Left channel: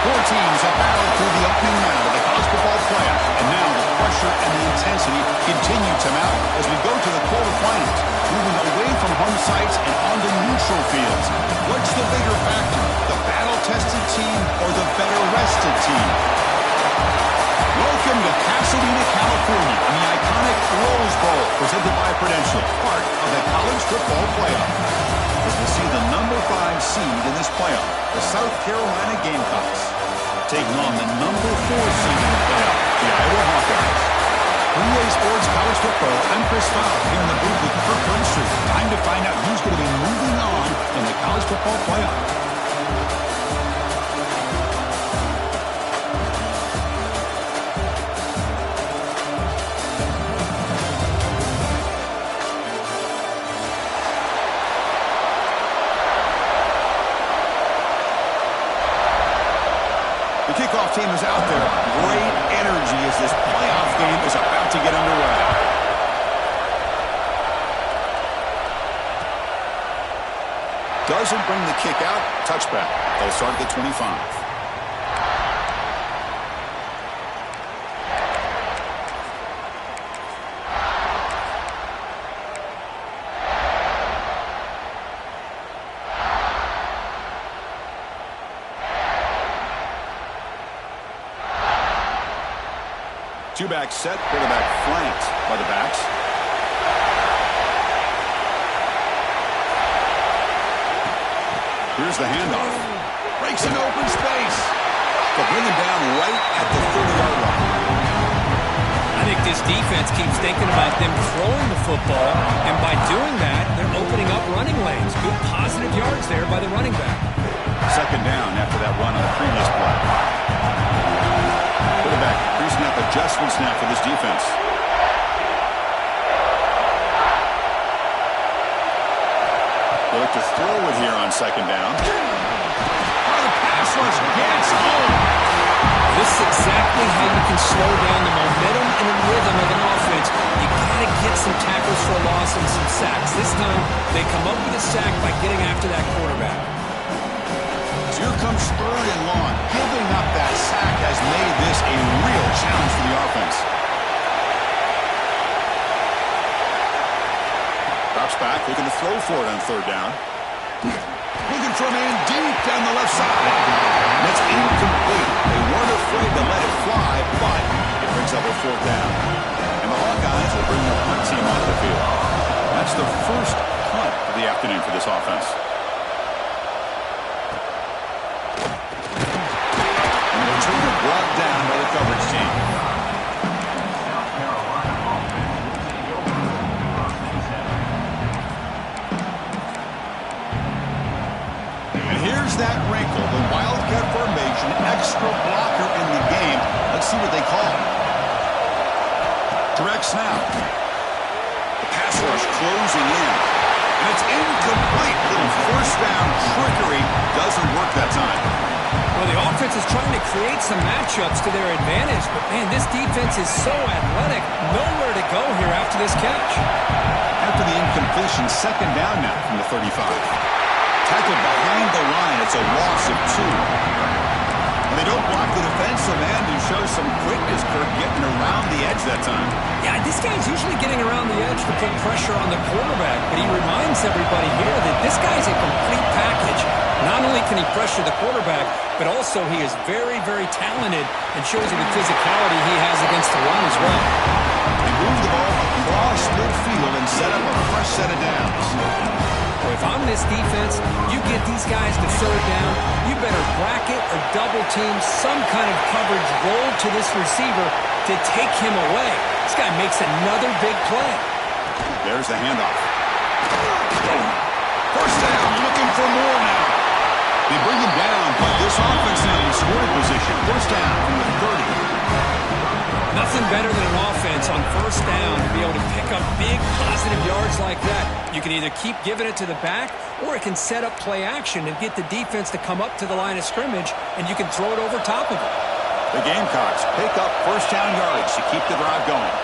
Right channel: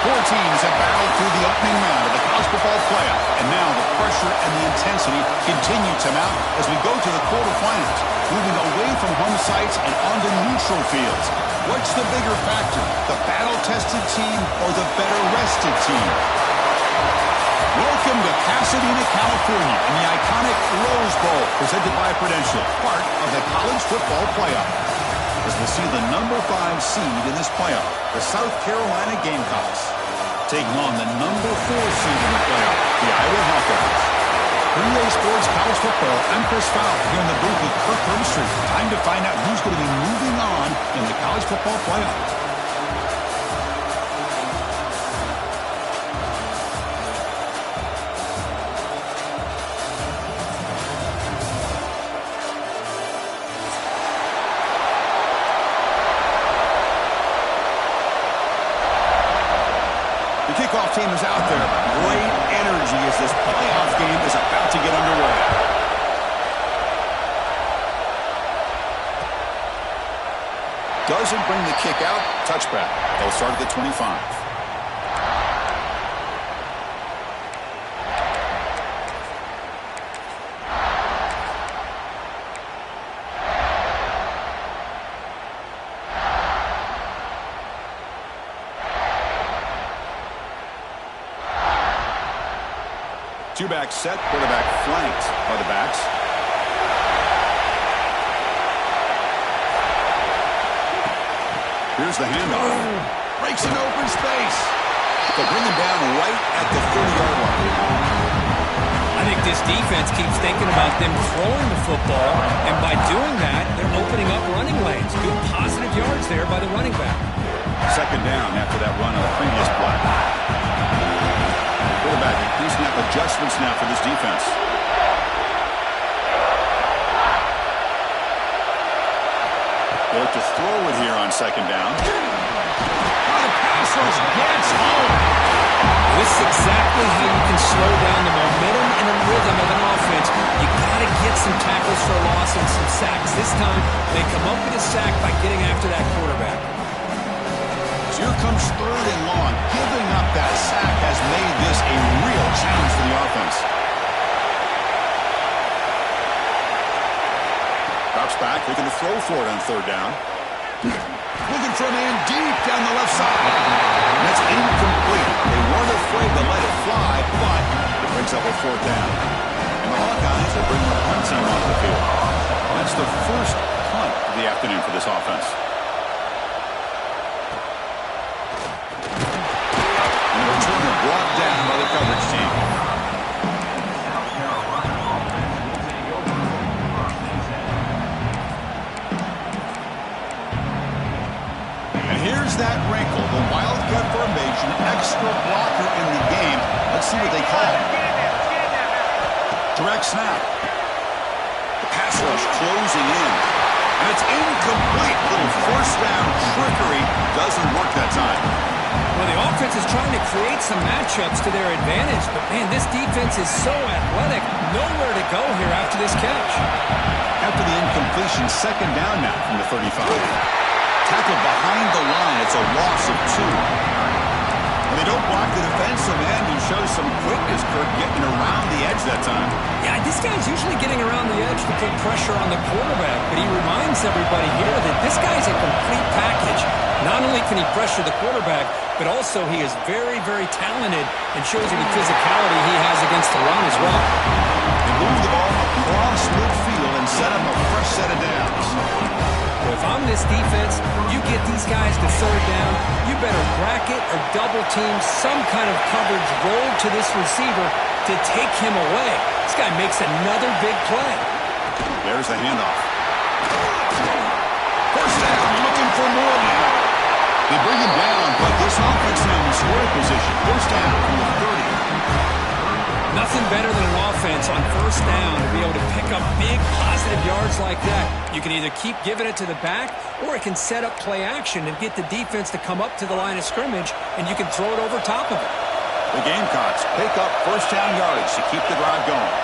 Four teams have battled through the opening round of the college football playoff, and now the pressure and the intensity continue to mount as we go to the quarterfinals, moving away from home sites and onto neutral fields. What's the bigger factor, the battle-tested team or the better-rested team? Welcome to Pasadena, California, in the iconic Rose Bowl, presented by Prudential, part of the college football playoff. As we see the number 5 seed in this playoff, the South Carolina Gamecocks, taking on the number 4 seed in the playoff, the Iowa Hawkeyes. For EA Sports College Football, I'm Chris Fowler here in the booth with Kirk Herbstreit. Time to find out who's going to be moving on in the college football playoff. The kickoff team is out there. Great energy as this playoff game is about to get underway. Doesn't bring the kick out. Touchback. They'll start at the 25. Two-back set, quarterback flanked by the backs. Here's the handoff. Breaks an open space. They'll bring him down right at the 30-yard line. I think this defense keeps thinking about them throwing the football, and by doing that, they're opening up running lanes. Good positive yards there by the running back. Second down after that run on the previous play. Quarterback pre-snap adjustments now for this defense. They look to throw it here on second down. Oh, the pass rush gets home. This is exactly how you can slow down the momentum and the rhythm of an offense. You got to get some tackles for a loss and some sacks. This time, they come up with a sack by getting after that quarterback. Here comes third and long. Giving up that sack has made this a real challenge for the offense. Drops back, looking to throw for it on third down. Looking for a man deep down the left side. And that's incomplete. They weren't afraid to let it fly, but it brings up a fourth down. And the Hawkeyes will bring the punt team onto the field. That's the first punt of the afternoon for this offense. Returner brought down by the coverage team. And here's that wrinkle, the Wildcat formation, extra blocker in the game. Let's see what they call. Direct snap. The pass rush closing in. And it's incomplete. Little first down trickery doesn't work that time. Well, the offense is trying to create some matchups to their advantage, but, man, this defense is so athletic. Nowhere to go here after this catch. After the incompletion, second down now from the 35. Tackled behind the line. It's a loss of 2. And they don't block the defensive end, who shows some quickness, Kirk, getting around the edge that time. Yeah, this guy's usually getting around the edge to put pressure on the quarterback, but he reminds everybody here that this guy's a complete package. Not only can he pressure the quarterback, but also he is very, very talented and shows you the physicality he has against the run as well. They move the ball across midfield and set up a fresh set of downs. Well, if I'm this defense, you get these guys to third down, you better bracket or double team some kind of coverage roll to this receiver to take him away. This guy makes another big play. There's the handoff. First down, looking for more now. They bring him down, but this offense now in scoring position. First down from the 30. Nothing better than an offense on first down to be able to pick up big positive yards like that. You can either keep giving it to the back, or it can set up play action and get the defense to come up to the line of scrimmage, and you can throw it over top of it. The Gamecocks pick up first down yardage to keep the drive going.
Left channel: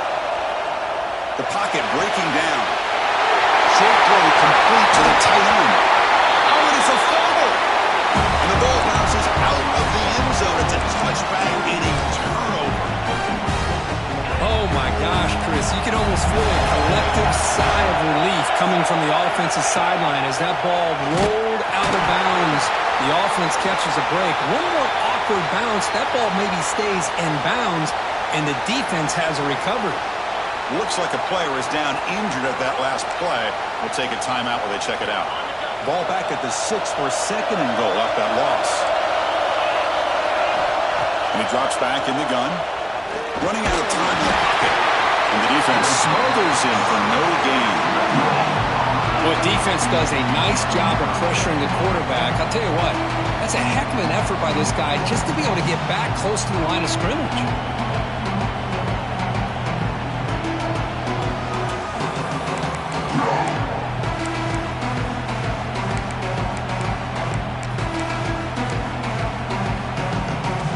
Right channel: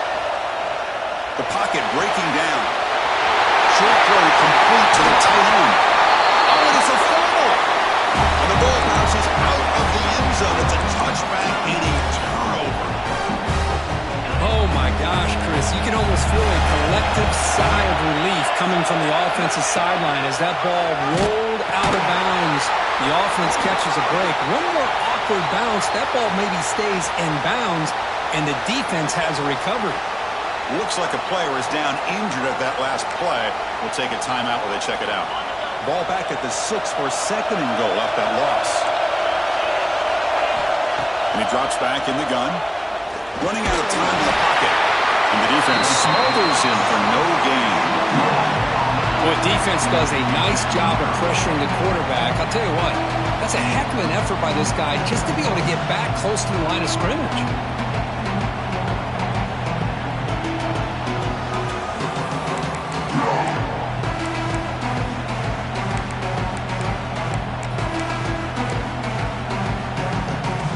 The pocket breaking down. Short throw complete to the tight end. Oh, and it's a fumble. And the ball bounces out of the end zone. It's a touchback and a turnover. Oh, my gosh, Chris. You can almost feel a collective sigh of relief coming from the offensive sideline as that ball rolled out of bounds. The offense catches a break. One more awkward bounce. That ball maybe stays in bounds, and the defense has a recovery. Looks like a player is down injured at that last play. We'll take a timeout while they check it out. Ball back at the 6 for second and goal after that loss. And he drops back in the gun. Running out of time in the pocket. And the defense smothers him for no gain. Well, defense does a nice job of pressuring the quarterback. I'll tell you what, that's a heck of an effort by this guy just to be able to get back close to the line of scrimmage.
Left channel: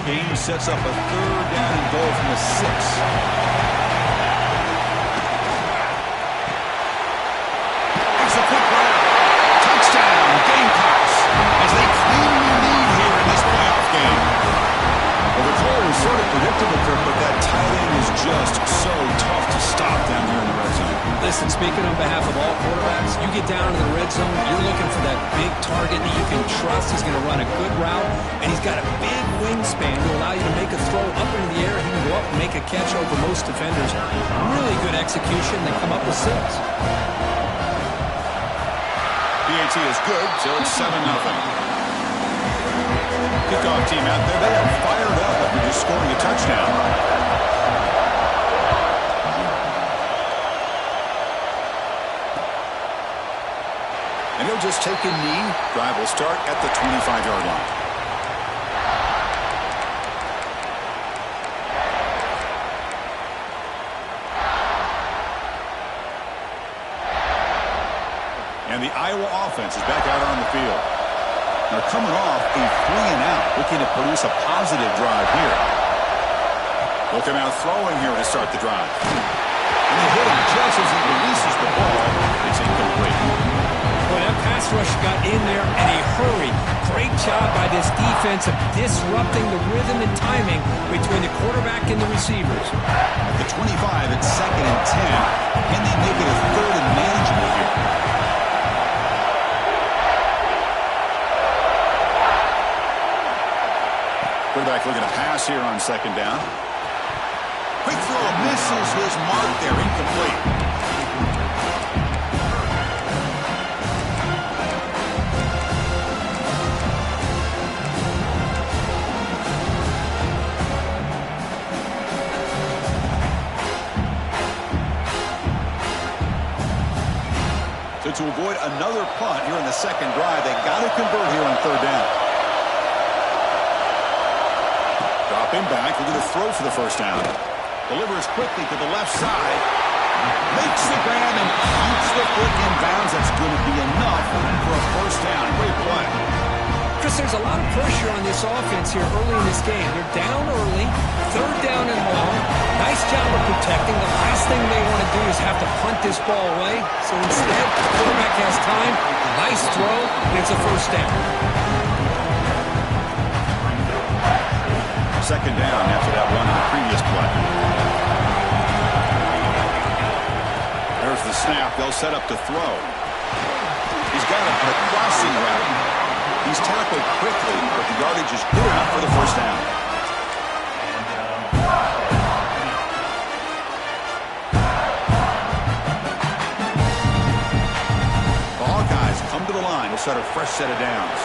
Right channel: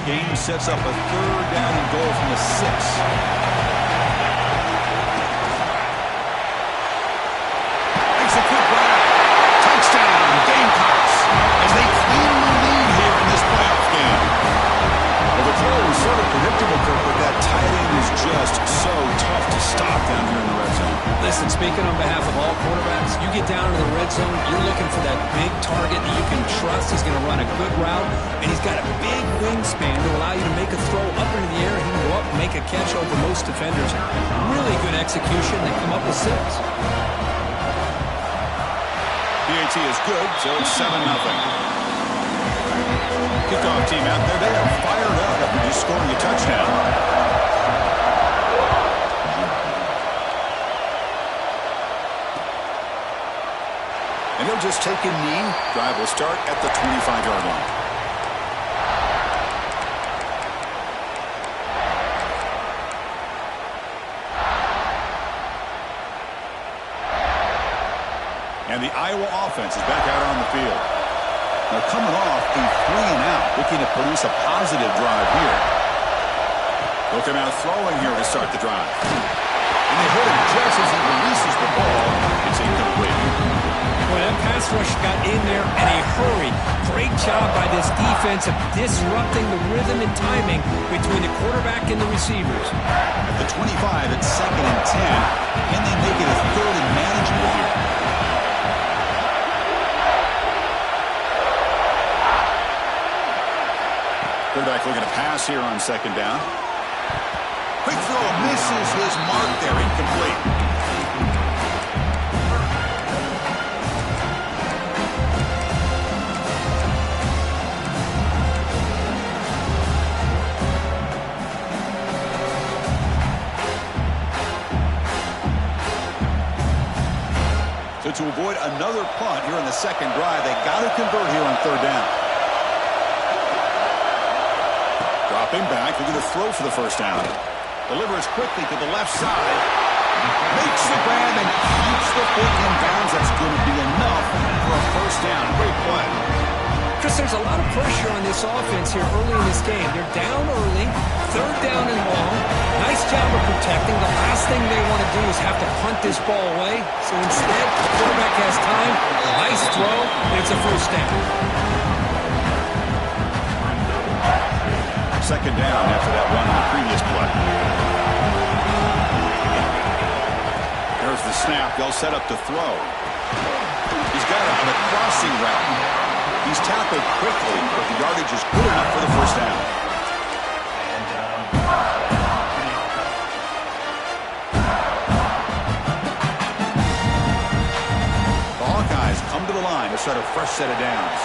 Game sets up a third down and goal from the 6. Makes a quick run. Touchdown, Gamecocks, as they claim the lead here in this playoff game. Well, the call was sort of predictable, Kirk, but that tight end is just so tough to stop down here in the red zone. Listen, speaking on behalf of all quarterbacks, you get down to the red zone, you're looking for that big target that you can trust. He's going to run a good route, and he's got a big wingspan to allow you to make a throw up into the air. He can go up and make a catch over most defenders. Really good execution. They come up with 6. PAT is good, so it's 7-0. Kickoff team out there. They are fired up after just scoring a touchdown. And he'll just take a knee. Drive will start at the 25-yard line. And the Iowa offense is back out on the field. They're coming off a 3-and-out, looking to produce a positive drive here. They'll come out throwing here to start the drive. And they hit him just as he releases the ball. It's incomplete. Boy, that pass rush got in there in a hurry. Great job by this defense of disrupting the rhythm and timing between the quarterback and the receivers. At the 25, it's 2nd and 10. Can they make it a 3rd and manageable here? Quarterback looking to pass here on 2nd down. Quick throw misses his mark there, incomplete. So to avoid another punt here in the 2nd drive, they got to convert here on 3rd down. Dropping back, looking to throw for the 1st down. Delivers quickly to the left side. Makes the grab and keeps the foot in bounds. That's going to be enough for a 1st down. Great play. Chris, there's a lot of pressure on this offense here early in this game. They're down early, 3rd down and long. Nice job of protecting. The last thing they want to do is have to punt this ball away. So instead, the quarterback has time. Nice throw, and it's a 1st down. 2nd down after that run on the previous play. There's the snap. They'll set up to throw. He's got him on a crossing route. He's tackled quickly, but the yardage is good enough for the 1st down. The Hawkeyes come to the line to start a fresh set of downs.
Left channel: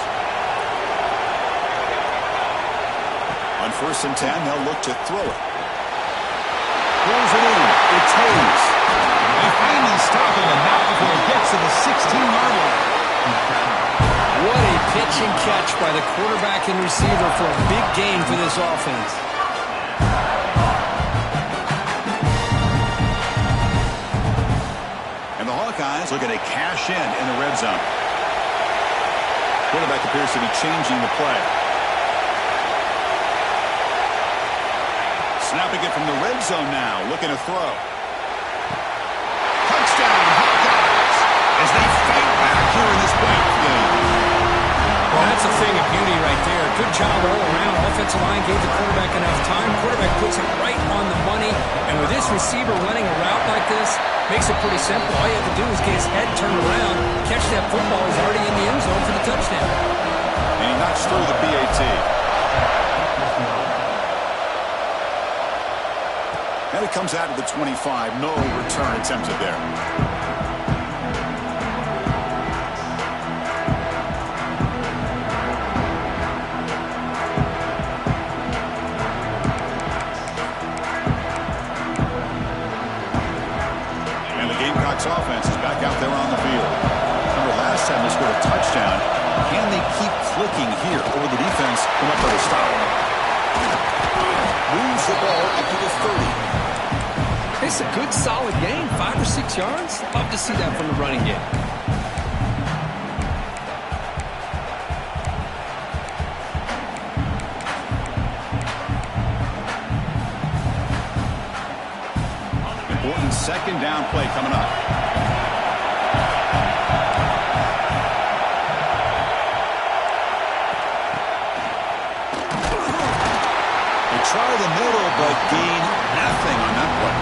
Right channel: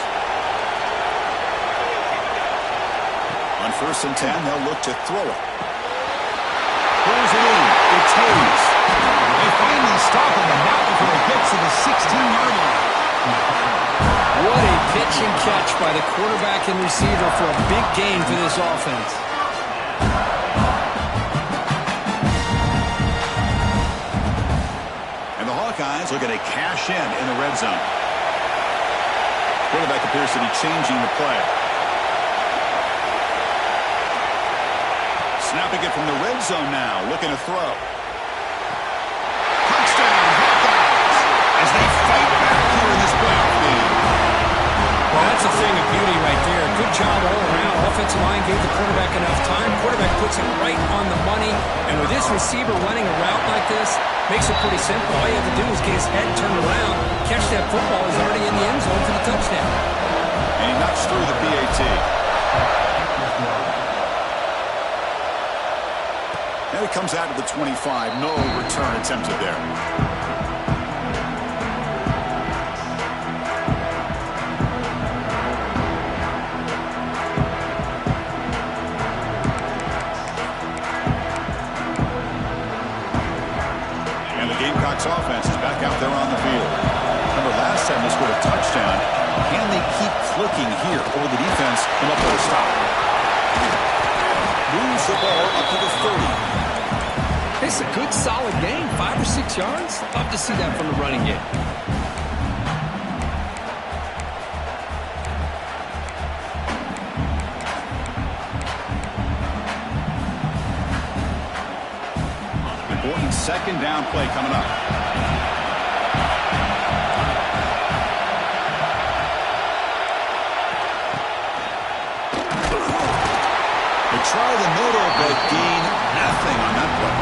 On 1st and 10, they'll look to throw it. Pulls it in. It's Hayes. They finally stop him, and not before it gets to the 16-yard line. What a pitch and catch by the quarterback and receiver for a big gain for this offense. And the Hawkeyes looking to cash in the red zone. Quarterback appears to be changing the play. Snapping it from the red zone now, looking to throw. Touchdown, Hawkeyes, as they fight back here in this playoff game. Well, That's a thing of beauty right there. Good job all around. Offensive line gave the quarterback enough time. Quarterback puts it right on the money. And with this receiver running a route like this, makes it pretty simple. All you have to do is get his head turned around, catch that football. He's already in the end zone for the touchdown. And he knocks through the PAT. And it comes out to the 25. No return attempted there. And the Gamecocks offense is back out there on the field. Remember, last time they scored a touchdown. Can they keep clicking here? Or the defense come up with a stop? Moves the ball up to the 30. It's a good, solid game. 5 or 6 yards. Love to see that from the running game. Important second down play coming up. They try the middle, but gain nothing on that play.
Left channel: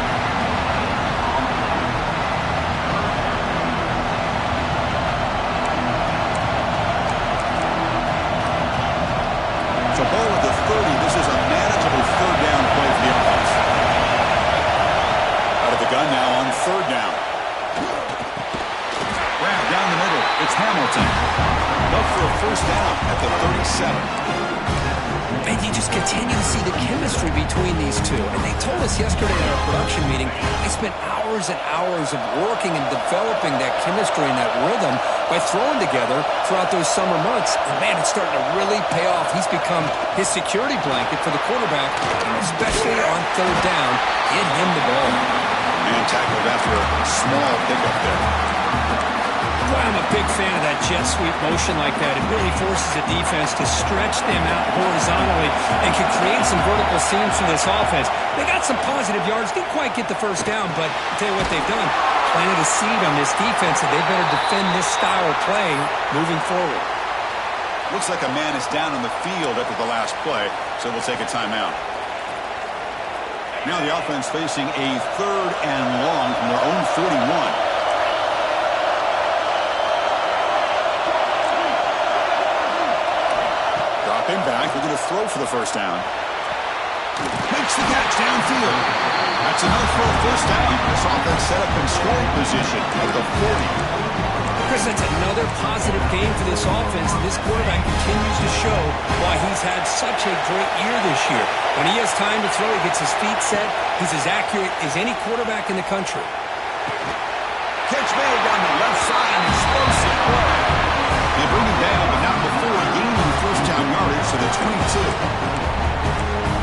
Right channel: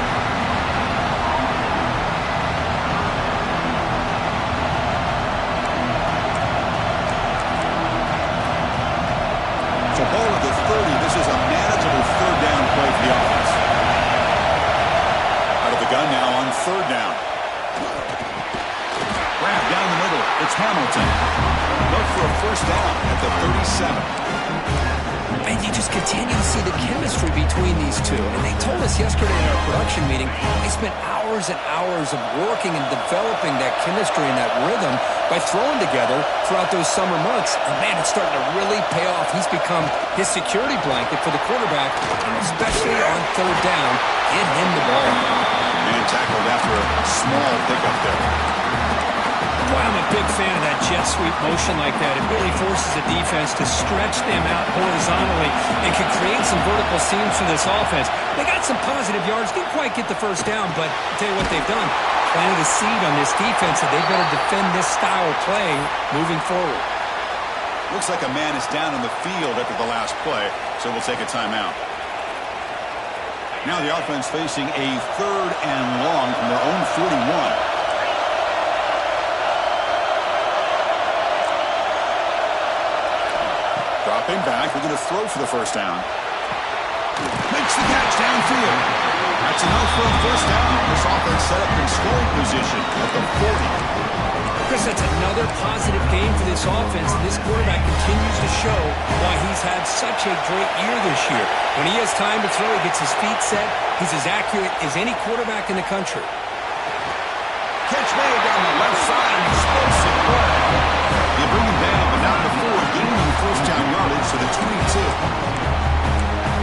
So ball at the 30. This is a manageable third down play for the offense. Out of the gun now on third down. Grab down the middle. It's Hamilton. Look for a first down at the 37. And you just continue to see the chemistry between these two. And they told us yesterday in our production meeting, they spent hours and hours of working and developing that chemistry and that rhythm by throwing together throughout those summer months. And, man, it's starting to really pay off. He's become his security blanket for the quarterback, and especially on third down, get him the ball. Man tackled after a small pickup there. Boy, I'm a big fan of that jet sweep motion like that. It really forces the defense to stretch them out horizontally and can create some vertical seams for this offense. They got some positive yards, didn't quite get the first down, but I'll tell you what they've done. Planted a seed on this defense that they better defend this style of play moving forward. Looks like a man is down on the field after the last play, so we'll take a timeout. Now the offense facing a third and long from their own 41. Dropping back, they're going to throw for the first down. Makes the catch downfield. That's enough for a first down. This offense set up in scoring position at the 40. Chris, that's another positive game for this offense, and this quarterback continues to show why he's had such a great year this year. When he has time to throw, he gets his feet set. He's as accurate as any quarterback in the country. Catch made down the left side, an explosive play. They bring him down, but not before gaining first down yardage to the 22.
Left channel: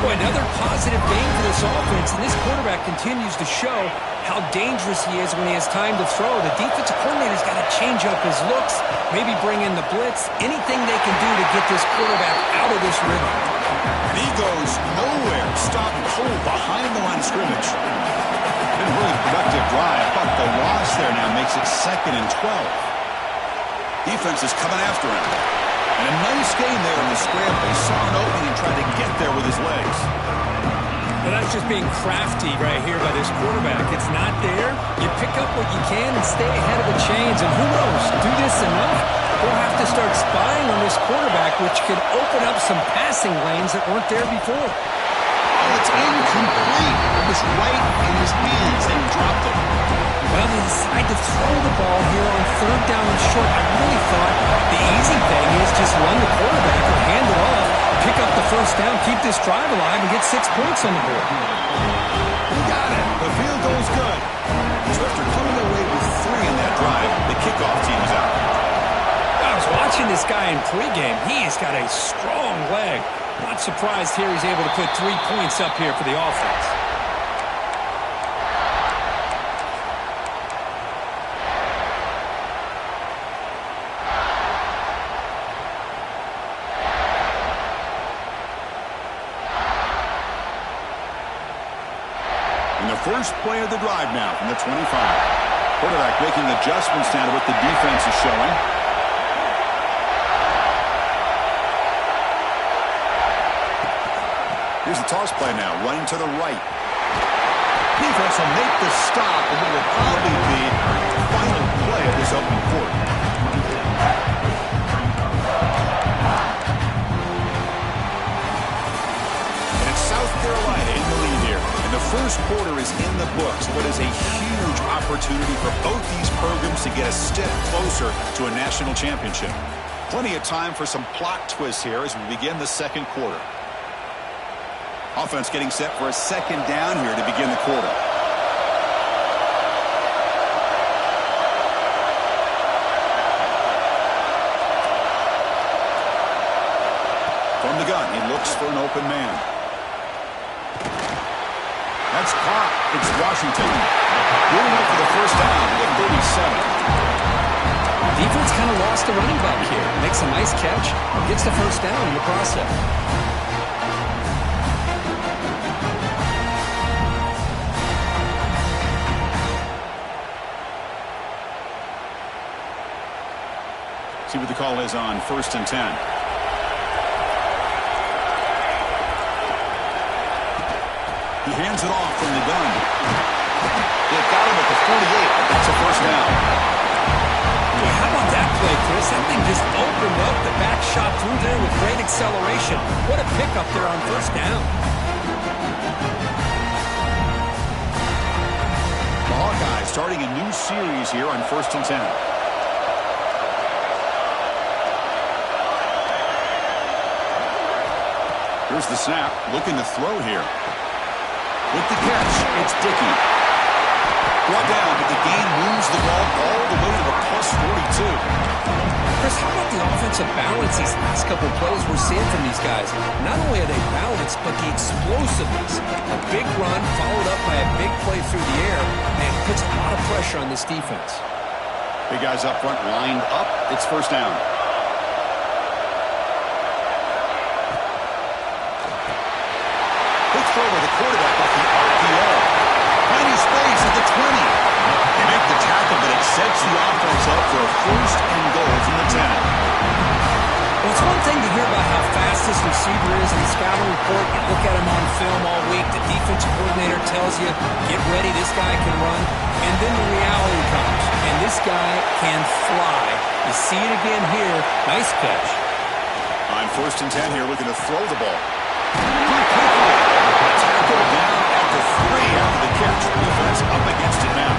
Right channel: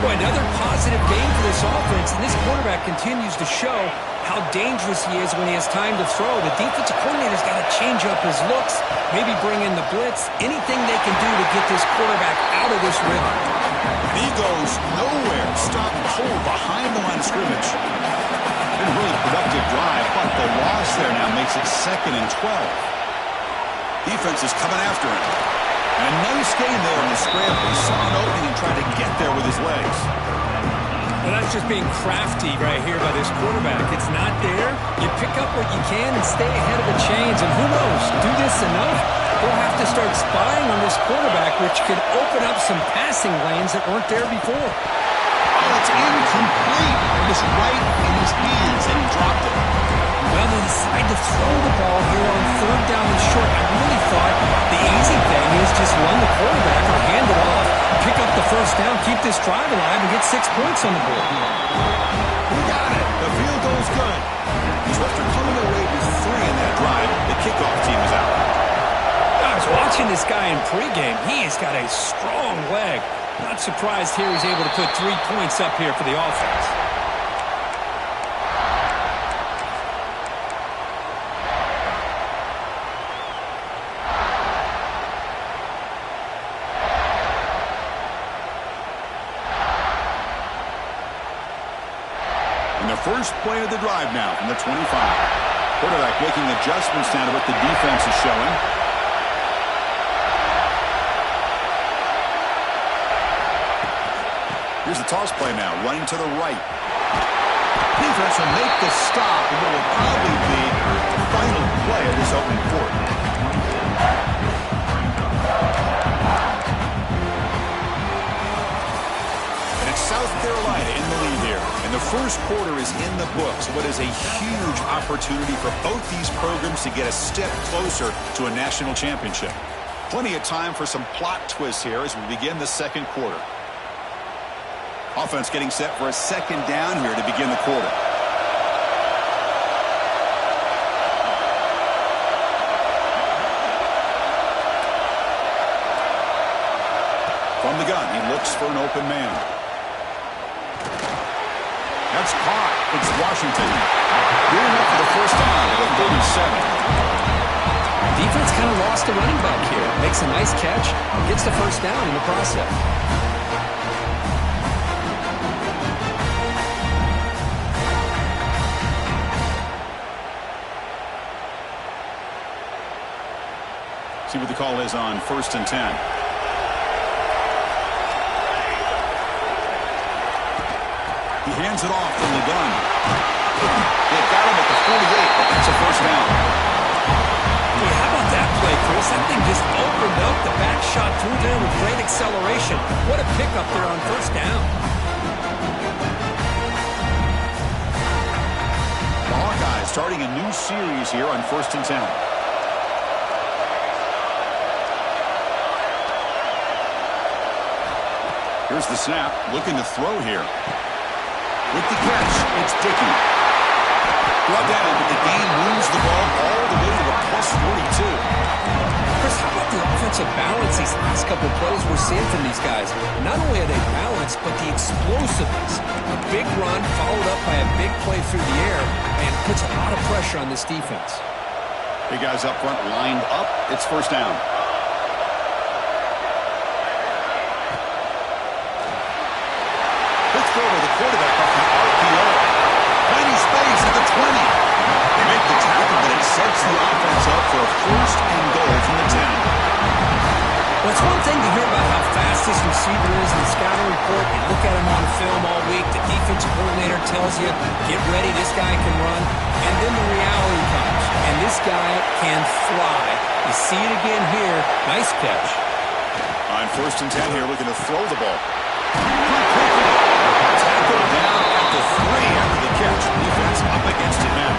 Boy, another positive game for this offense, and this quarterback continues to show how dangerous he is when he has time to throw. The defensive coordinator's got to change up his looks, maybe bring in the blitz, anything they can do to get this quarterback out of this rhythm. And he goes nowhere, stopped cold behind the line of scrimmage. Been a really productive drive, but the loss there now makes it 2nd and 12. Defense is coming after him. And a nice gain there in the scramble. He saw an opening and tried to get there with his legs. Well, that's just being crafty right here by this quarterback. It's not there. You pick up what you can and stay ahead of the chains. And who knows, do this enough, we'll have to start spying on this quarterback, which could open up some passing lanes that weren't there before. Oh, it's incomplete. It was right in his hands, and he dropped it. Well, they decide to throw the ball here on third down and short. I really thought the easy thing is just run the quarterback or hand it off, pick up the first down, keep this drive alive, and get 6 points on the board. We got it. The field goal's good. So after coming away with 3 in that drive, the kickoff team is out. I was watching this guy in pregame. He has got a strong leg. Not surprised here he's able to put 3 points up here for the offense. In the first play of the drive now from the 25. Quarterback making adjustments now to what the defense is showing. Here's the toss play now, running to the right. Defense will make the stop, and what will probably be the final play of this opening quarter. And it's South Carolina in the lead here. And the first quarter is in the books. What is a huge opportunity for both these programs to get a step closer to a national championship. Plenty of time for some plot twists here as we begin the second quarter. Offense getting set for a second down here to begin the quarter. From the gun, he looks for an open man. That's caught. It's Washington. Getting up for the first down at the 37. Defense kind of lost the running back here. Makes a nice catch, gets the first down in the process. See what the call is on 1st and 10. He hands it off from the gun. They got him at the 48, but that's a first down. Boy, how about that play, Chris? That thing just opened up. The back shot through there with great acceleration. What a pickup there on first down. The Hawkeyes starting a new series here on 1st and 10. Here's the snap, looking to throw here. With the catch, it's Dickey. Brought down, but the game moves the ball all the way to the +42. Chris, how about the offensive balance these last couple plays we're seeing from these guys? Not only are they balanced, but the explosiveness. A big run followed up by a big play through the air, and puts a lot of pressure on this defense. Big guys up front lined up. It's first down. Quick throw by the quarterback off the RPO. Finding space at the 20. They make the tackle, but it sets the offense up for a first and goal from the 10. Well, it's one thing to hear about how fast this receiver is in the scouting report. You look at him on film all week. The defensive coordinator tells you, get ready, this guy can run. And then the reality comes, and this guy can fly. You see it again here. Nice catch. On 1st and 10 here, looking to throw the ball. Quickly. Tackle down at the 3 after the catch. Defense up against it now.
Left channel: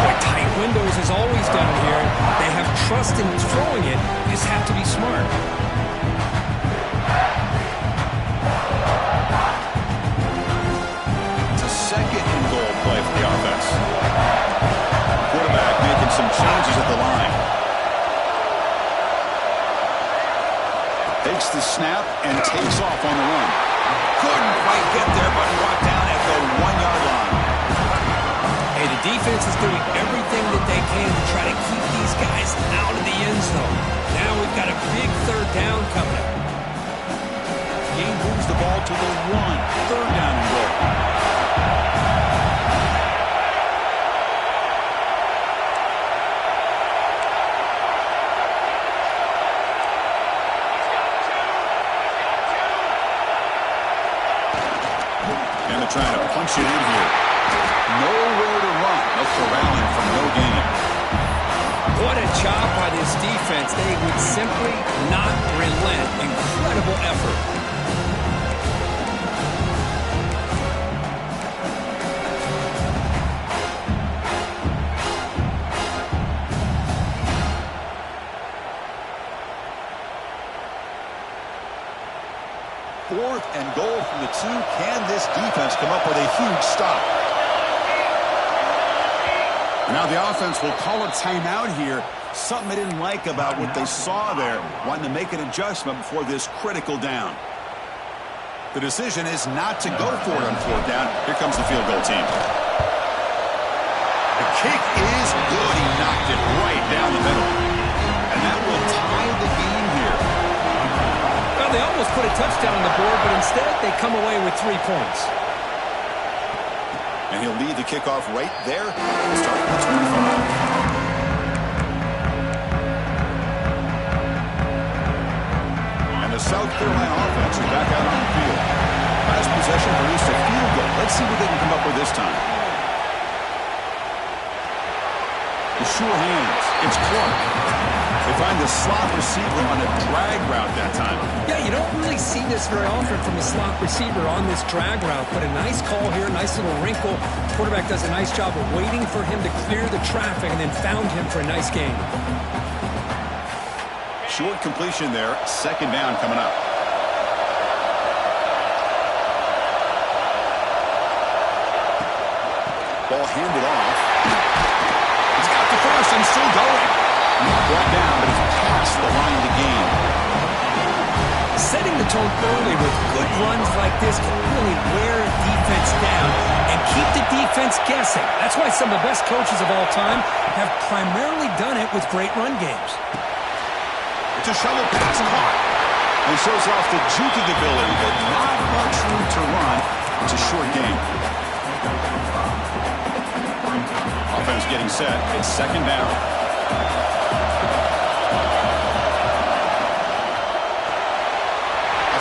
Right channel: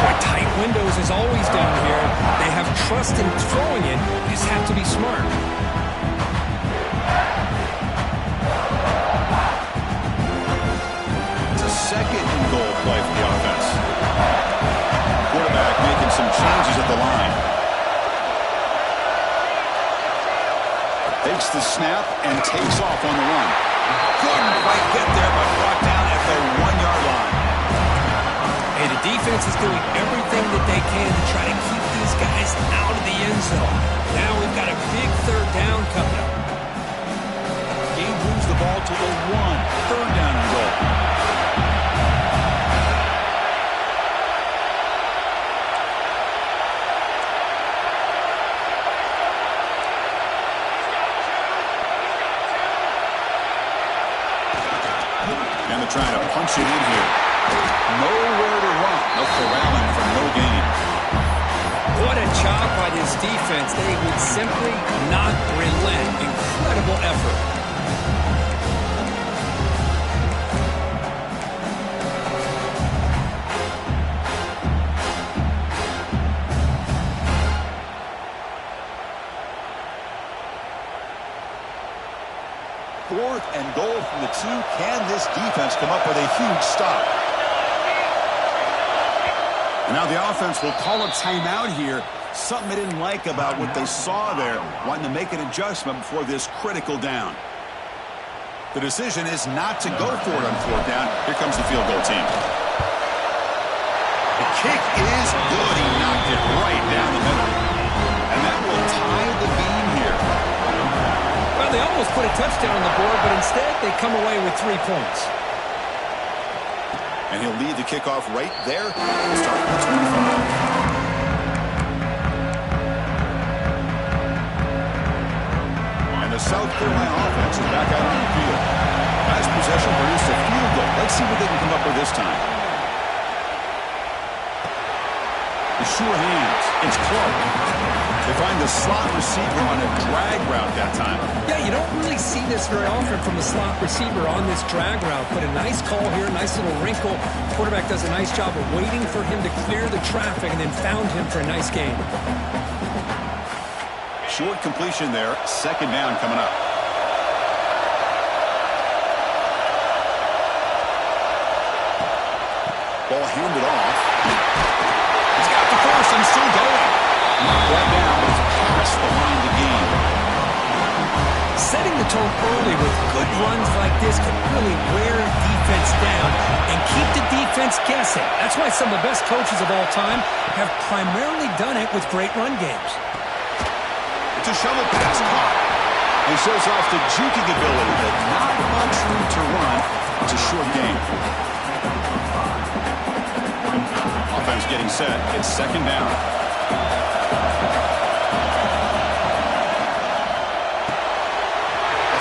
Boy, tight windows is always down here. They have trust in throwing it. You just have to be smart. It's a second and goal play for the offense. Quarterback making some changes at the line. Takes the snap and takes off on the run. Couldn't quite get there, but brought down at the 1-yard line. Hey, the defense is doing everything that they can to try to keep these guys out of the end zone. Now we've got a big third down coming up. Game moves the ball to the 1. Third down and goal. And they're trying to punch it in here. Nowhere to run. No corralling for no gain. What a job by this defense. They would simply not relent. Incredible effort. Fourth and goal from the 2. Can this defense come up with a huge stop? And now the offense will call a timeout here. Something they didn't like about what they saw there. Wanting to make an adjustment before this critical down. The decision is not to go for it on 4th down. Here comes the field goal team. The kick is good. He knocked it right down the middle. And that will tie the game here. Well, they almost put a touchdown on the board, but instead they come away with 3 points. And he'll lead the kickoff right there. We'll start at the 25. And the South Carolina offense is back out on the field. Last possession produced a field goal. Let's see what they can come up with this time. The sure hands. It's Clark. They find the slot receiver on a drag route that time. Yeah, you don't really see this very often from a slot receiver on this drag route, but a nice call here, nice little wrinkle. Quarterback does a nice job of waiting for him to clear the traffic and then found him for a nice gain. Short completion there. Second down coming up. Ball handed off. He's got the first and still going. Brought down, but he's past the line to gain. Setting the tone early with good runs like this can really wear a defense down and keep the defense guessing. That's why some of the best coaches of all time have primarily done it with great run games. It's a shovel pass caught. He shows off the juking ability, but not much room to run. It's a short game. Offense getting set. It's second down.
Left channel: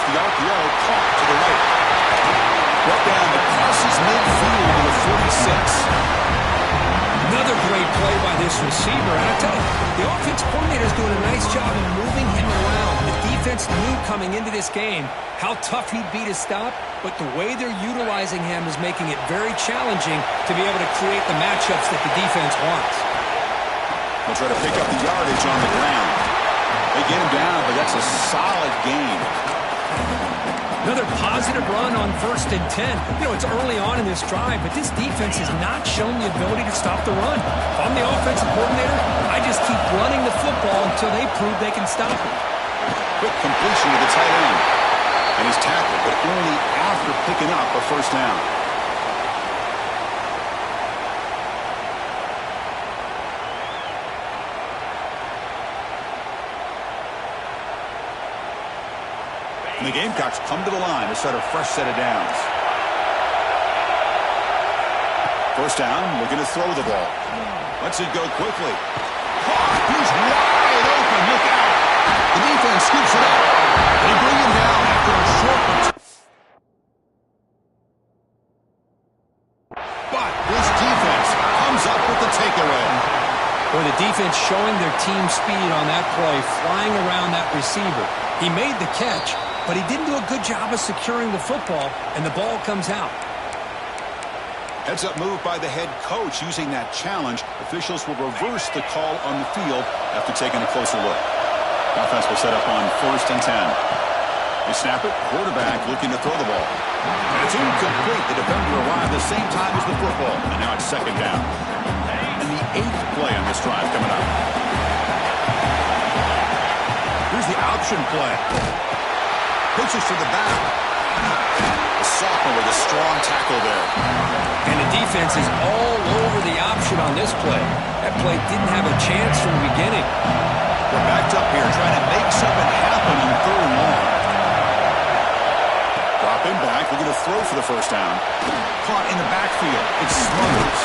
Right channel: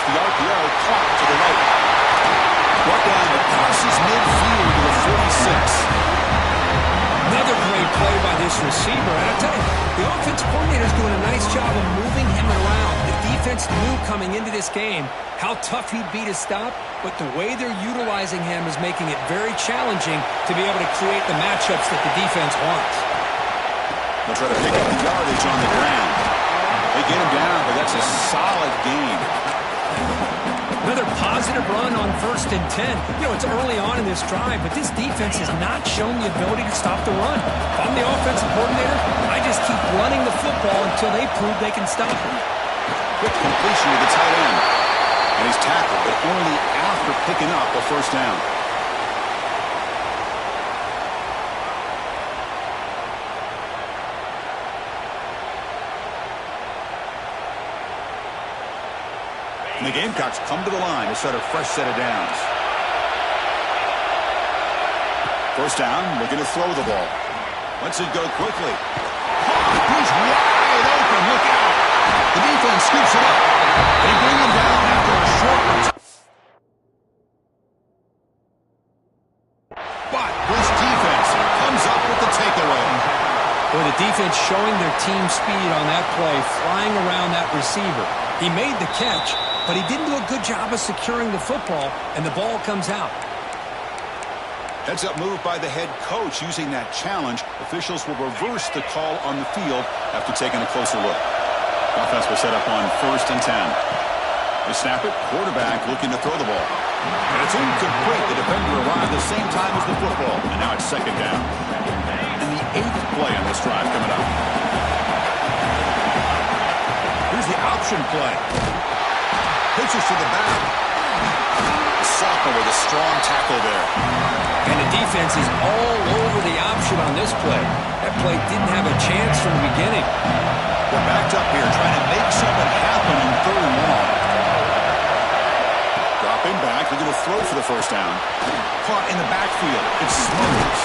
The RPO caught to the right. Brought down but crosses midfield to the 46. Another great play by this receiver. And I tell you, the offense coordinator is doing a nice job of moving him around. The defense knew coming into this game how tough he'd be to stop, but the way they're utilizing him is making it very challenging to be able to create the matchups that the defense wants. They'll try to pick up the yardage on the ground. They get him down, but that's a solid gain. Another positive run on 1st and 10. You know, it's early on in this drive, but this defense has not shown the ability to stop the run. If I'm the offensive coordinator, I just keep running the football until they prove they can stop it. Quick completion to the tight end. And he's tackled, but only after picking up a first down. And the Gamecocks come to the line to start a fresh set of downs. First down, looking to throw the ball. Lets it go quickly. Caught, he's wide open, look out. The defense scoops it up. They bring him down after a short return. But this defense comes up with the takeaway. Boy, the defense showing their team speed on that play, flying around that receiver. He made the catch, but he didn't do a good job of securing the football, and the ball comes out. Heads-up move by the head coach using that challenge. Officials will reverse the call on the field after taking a closer look. Offense will set up on 1st and 10. They snap it. Quarterback looking to throw the ball. And it's incomplete. The defender arrived the same time as the football, and now it's second down. And the 8th play on this drive coming up. Here's the option play. Pitches to the back. The sophomore with a strong tackle there. And the defense is all over the option on this play. That play didn't have a chance from the beginning. They're backed up here trying to make something happen on 3rd and long. Dropping back, looking to throw for the first down. Caught in the backfield. It's Smothers.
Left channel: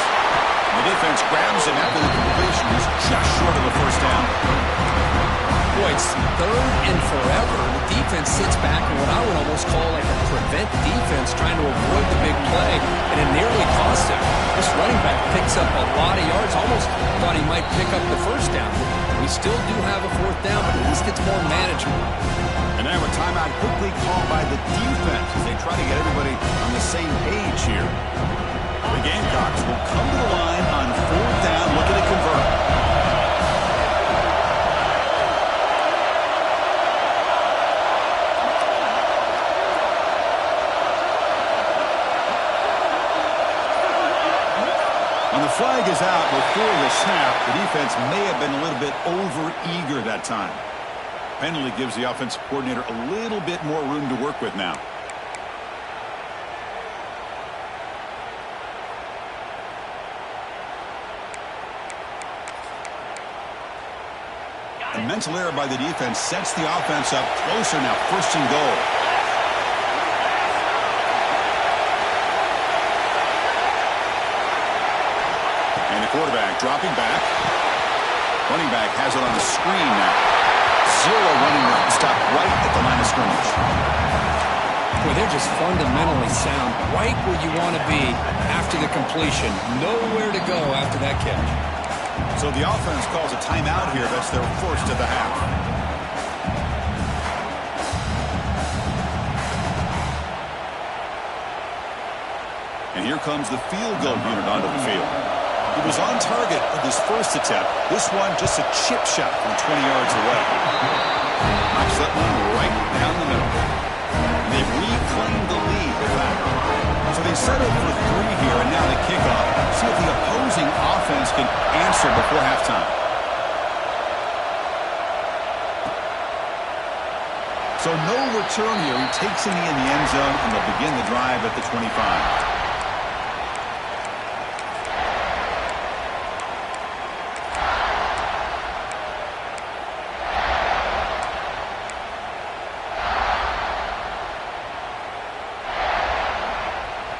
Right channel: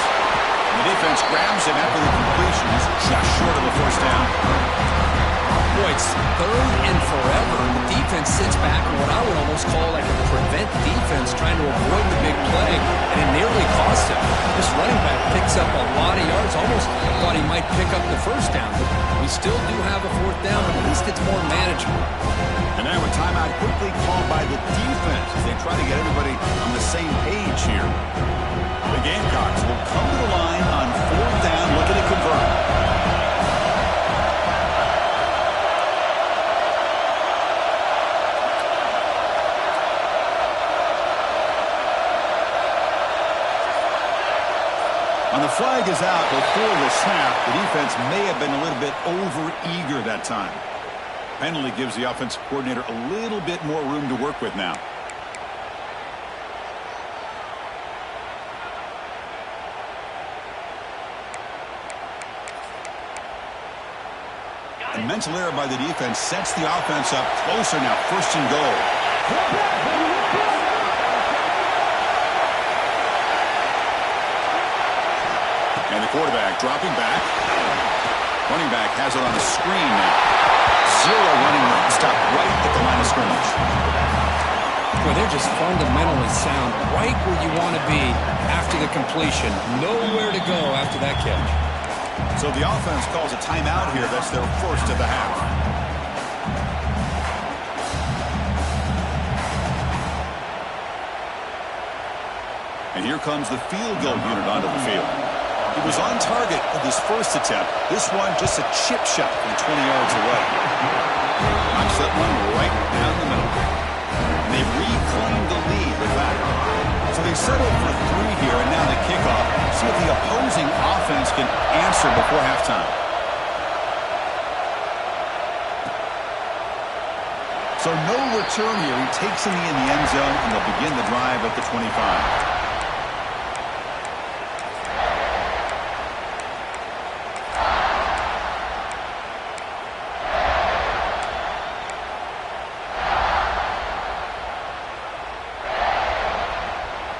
And the defense grabs him after the completion. He's just short of the first down. Boy, it's 3rd and forever. The defense sits back in what I would almost call like a prevent defense, trying to avoid the big play, and it nearly cost him. This running back picks up a lot of yards. Almost thought he might pick up the first down. But we still do have a 4th down, but at least it's more manageable. And now a timeout quickly called by the defense as they try to get everybody on the same page here. The Gamecocks will come to the line on 4th down, looking to convert. When the flag is out before the snap, the defense may have been a little bit over-eager that time. Penalty gives the offensive coordinator a little bit more room to work with now. A mental error by the defense sets the offense up closer now, 1st and goal. And the quarterback dropping back. Running back has it on the screen now. 0 running room. Stop right at the line of scrimmage. Boy, they're just fundamentally sound, right where you want to be after the completion. Nowhere to go after that catch. So the offense calls a timeout here. That's their first of the half. And here comes the field goal unit onto the field. He was on target with his first attempt. This one just a chip shot from 20 yards away. Knocks that one right down the middle. And they've reclaimed the lead with that. So they settled for 3 here, and now the kickoff. See if the opposing offense can answer before halftime. So no return here. He takes in the end zone, and they'll begin the drive at the 25.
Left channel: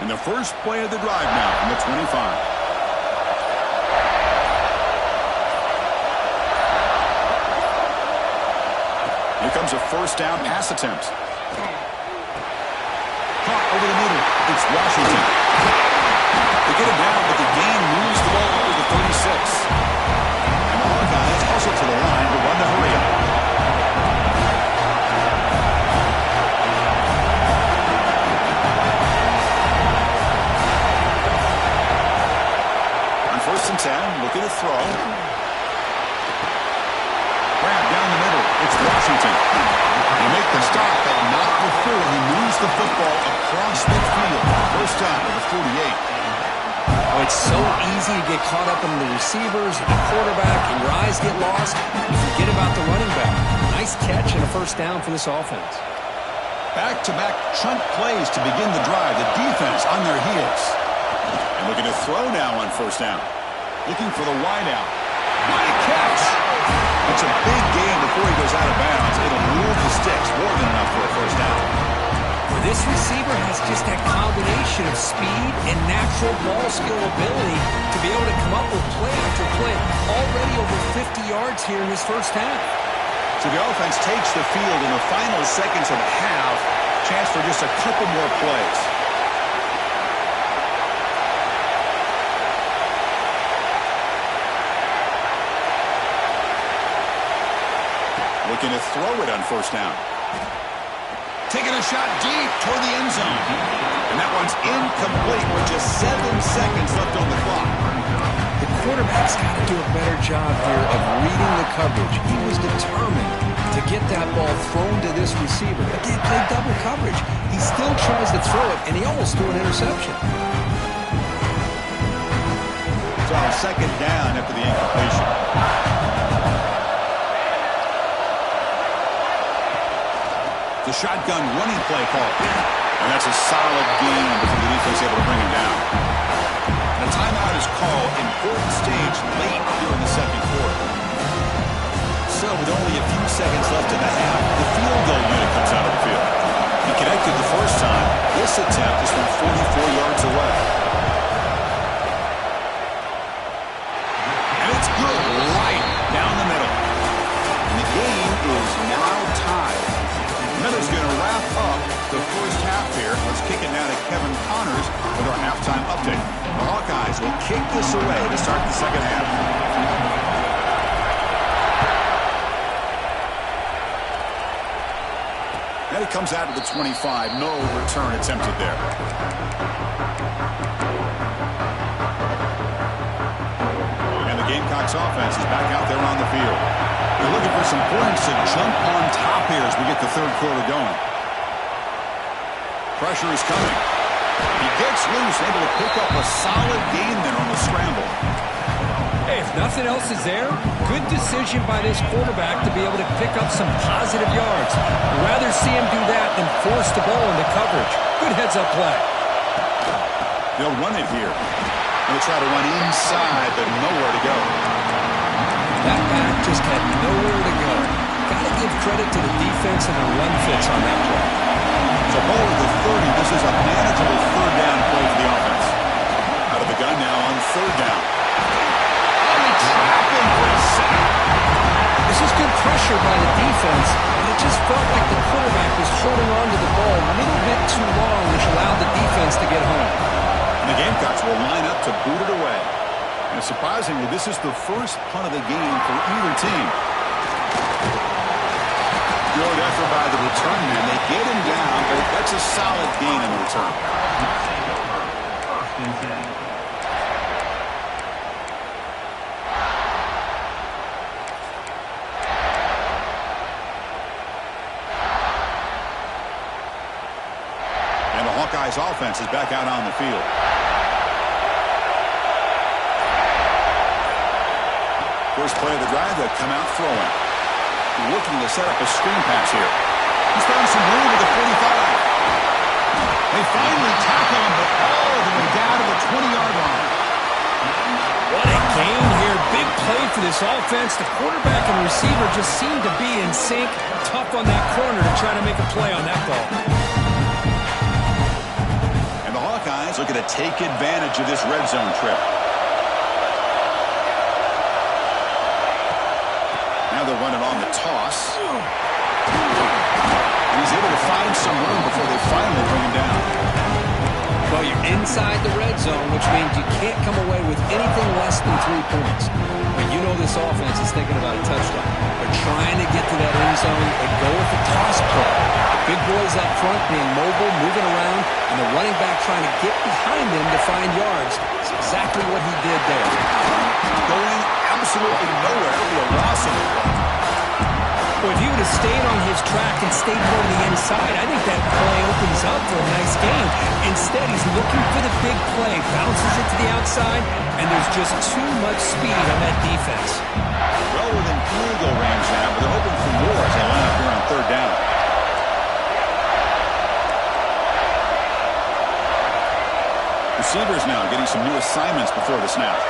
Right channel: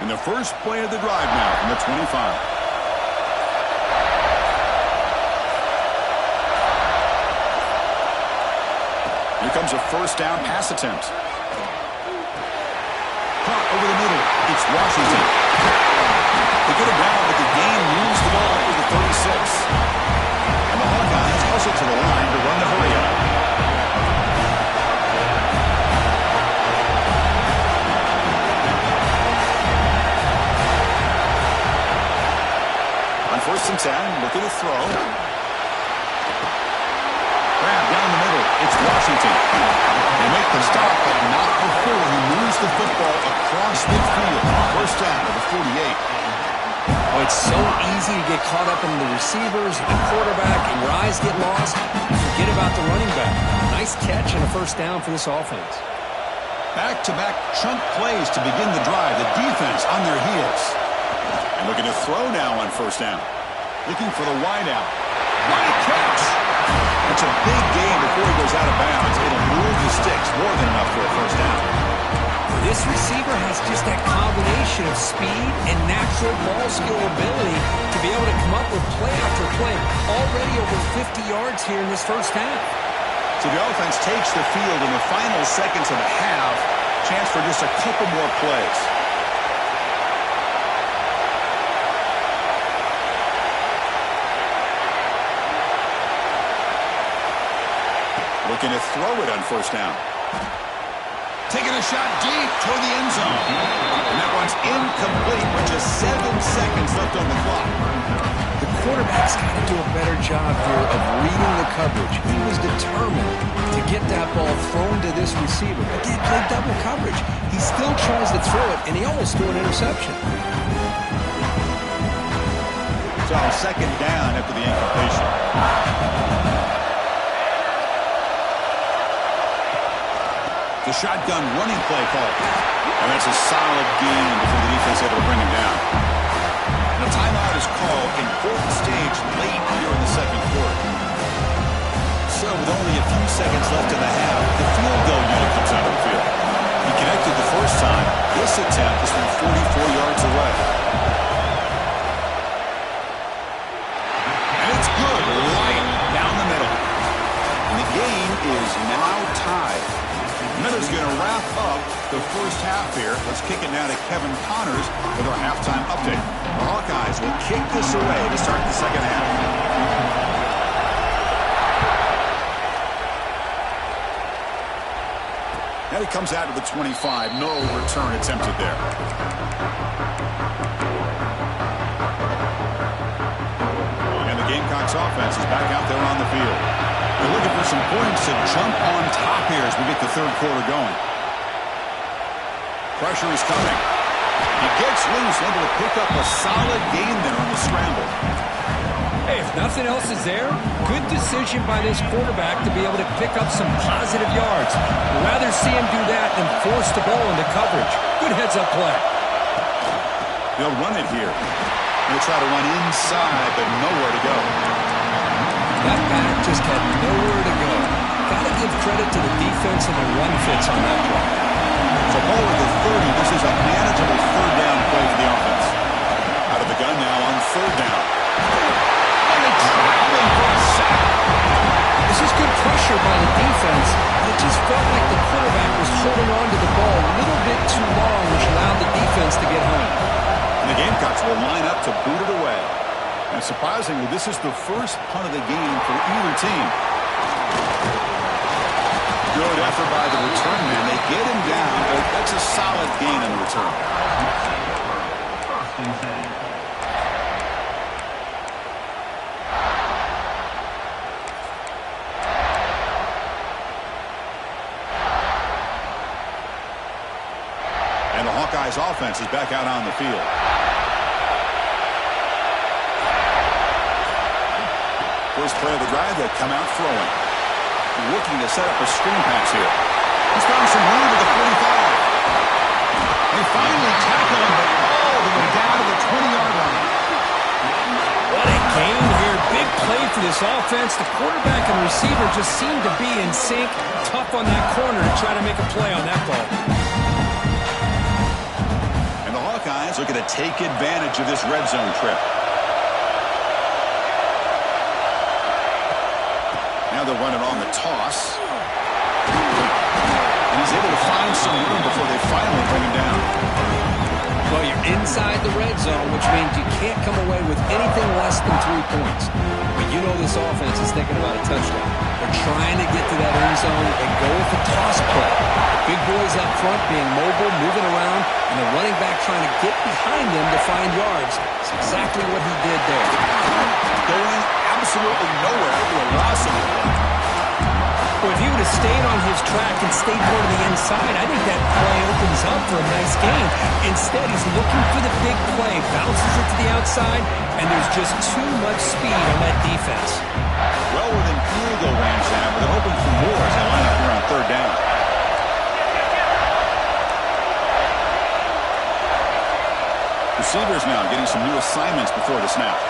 And the first play of the drive now from the 25. Here comes a first down pass attempt. Caught over the middle. It's Washington. They get it down, but the gain moves the ball over the 36. And the Hawkeyes hustle to the line to run the hurry up. First and 10, looking to throw. Grab down the middle. It's Washington. They make the stop, but not before he moves the football across midfield. First down to the 48. Oh, it's so easy to get caught up in the receivers, the quarterback, and your eyes get lost. You forget about the running back. Nice catch and a first down for this offense. Back-to-back chunk plays to begin the drive. The defense on their heels. And looking to throw now on first down. Looking for the wideout. What a catch! That's a big gain before he goes out of bounds. It'll move the sticks. More than enough for a first down. Well, this receiver has just that combination of speed and natural ball skill ability to be able to come up with play after play. Already over 50 yards here in this first half. So the offense takes the field in the final seconds of the half. Chance for just a couple more plays. Looking to throw it on first down. Taking a shot deep toward the end zone. And that one's incomplete with just 7 seconds left on the clock. The quarterback's got to do a better job here of reading the coverage. He was determined to get that ball thrown to this receiver, but they played double coverage. He still tries to throw it, and he almost threw an interception. So second down after the incompletion. The shotgun running play call. And that's a solid gain before the defense able to bring him down. And a timeout is called. Important stage late here in the second quarter. So with only a few seconds left in the half, the field goal unit comes out of the field. He connected the first time. This attempt is from 44 yards away. And it's good right down the middle. And the game is now tied. Miller's going to wrap up the first half here. Let's kick it now to Kevin Connors with our halftime update. The Hawkeyes will kick this away to start the second half. And it comes out to the 25. No return attempted there. And the Gamecocks offense is back out there on the field. They're looking for some points to jump on top here as we get the third quarter going. Pressure is coming. He gets loose, able to pick up a solid gain there on the scramble. Hey, if nothing else is there, good decision by this quarterback to be able to pick up some positive yards. I'd rather see him do that than force the ball into coverage. Good heads-up play. They'll run it here. They'll try to run inside, but nowhere to go. That back just had nowhere to go. Got to give credit to the defense and their run fits on that play. So ball at the 30. This is a manageable third down play for the offense. Out of the gun now on third down. Oh, they trap him for a sack. This is good pressure pressure by the defense, but it just felt like the quarterback was holding on to the ball a little bit too long, which allowed the defense to get home. And the Gamecocks will line up to boot it away. And surprisingly, this is the first punt of the game for either team. Good effort by the return man. They get him down, but that's a solid gain on the return. And the Hawkeyes offense is back out on the field. First play of the drive, they'll come out throwing. Looking to set up a screen pass here. He's found some room at the 45. They finally tackle him, but all the way down to the 20-yard line. What a gain here. Big play for this offense. The quarterback and receiver just seem to be in sync. Tough on that corner to try to make a play on that ball. And the Hawkeyes looking to take advantage of this red zone trip. Now they'll run it on the toss. And he's able to find some room before they finally bring him down. Well, you're inside the red zone, which means you can't come away with anything less than 3 points. But you know this offense is thinking about a touchdown. They're trying to get to that end zone and go with the toss play. The big boys up front being mobile, moving around, and the running back trying to get behind them to find yards. It's exactly what he did there. Going absolutely nowhere with a loss of the play. Well, if he would have stayed on his track and stayed more to the inside, I think that play opens up for a nice gain. Instead, he's looking for the big play, bounces it to the outside, and there's just too much speed on that defense. Well within field goal range now, but they're hoping for more as they line up here on third down. Receivers now getting some new assignments before the snap.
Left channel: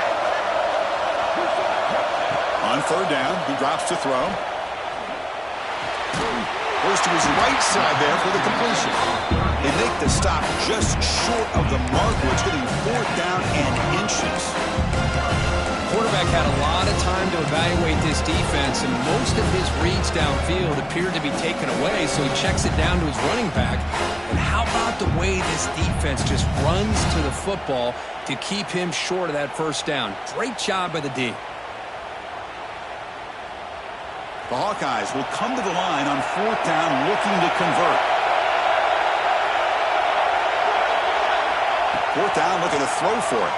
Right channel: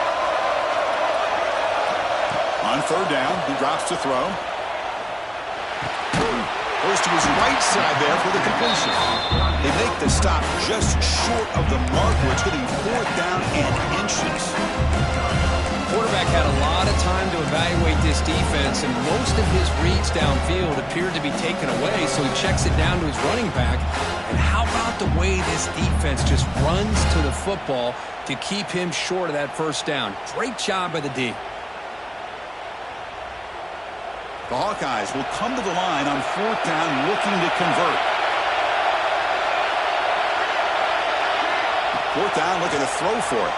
On third down, he drops to throw. Goes to his right side there for the completion. They make the stop just short of the mark, which getting fourth down and inches. Quarterback had a lot of time to evaluate this defense, and most of his reads downfield appeared to be taken away, so he checks it down to his running back. And how about the way this defense just runs to the football to keep him short of that first down? Great job by the D. The Hawkeyes will come to the line on fourth down looking to convert. Fourth down looking to throw for it.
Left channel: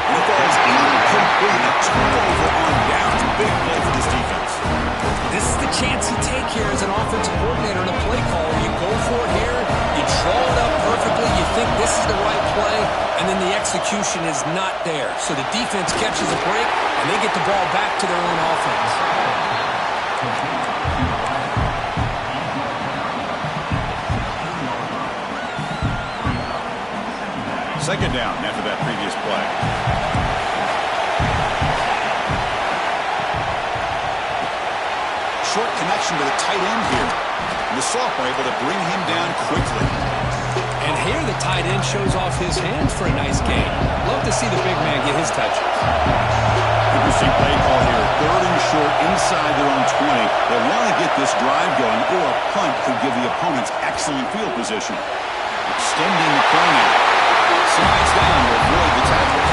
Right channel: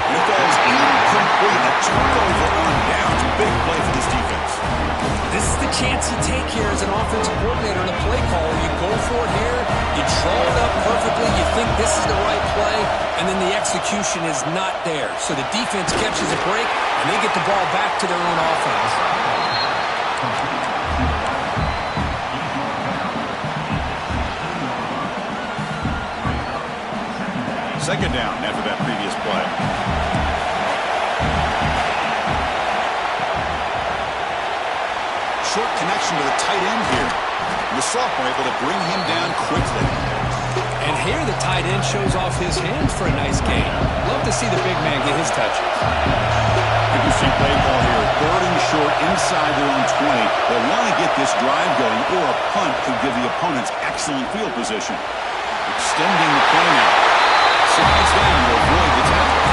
And it goes incomplete. A turnover on downs. Big play for this defense. This is the chance you take here as an offensive coordinator and a play caller. You go for it here. You draw it up perfectly. You think this is the right play, and then the execution is not there. So the defense catches a break, and they get the ball back to their own offense. Second down after that previous play. Short connection to the tight end here. And the sophomore able to bring him down quickly. And here the tight end shows off his hands for a nice gain. Love to see the big man get his touches. Interesting play call here. Third and short inside their own 20. They want to get this drive going, or a punt could give the opponents excellent field position. Extending the play now. Slides down to avoid the tackle.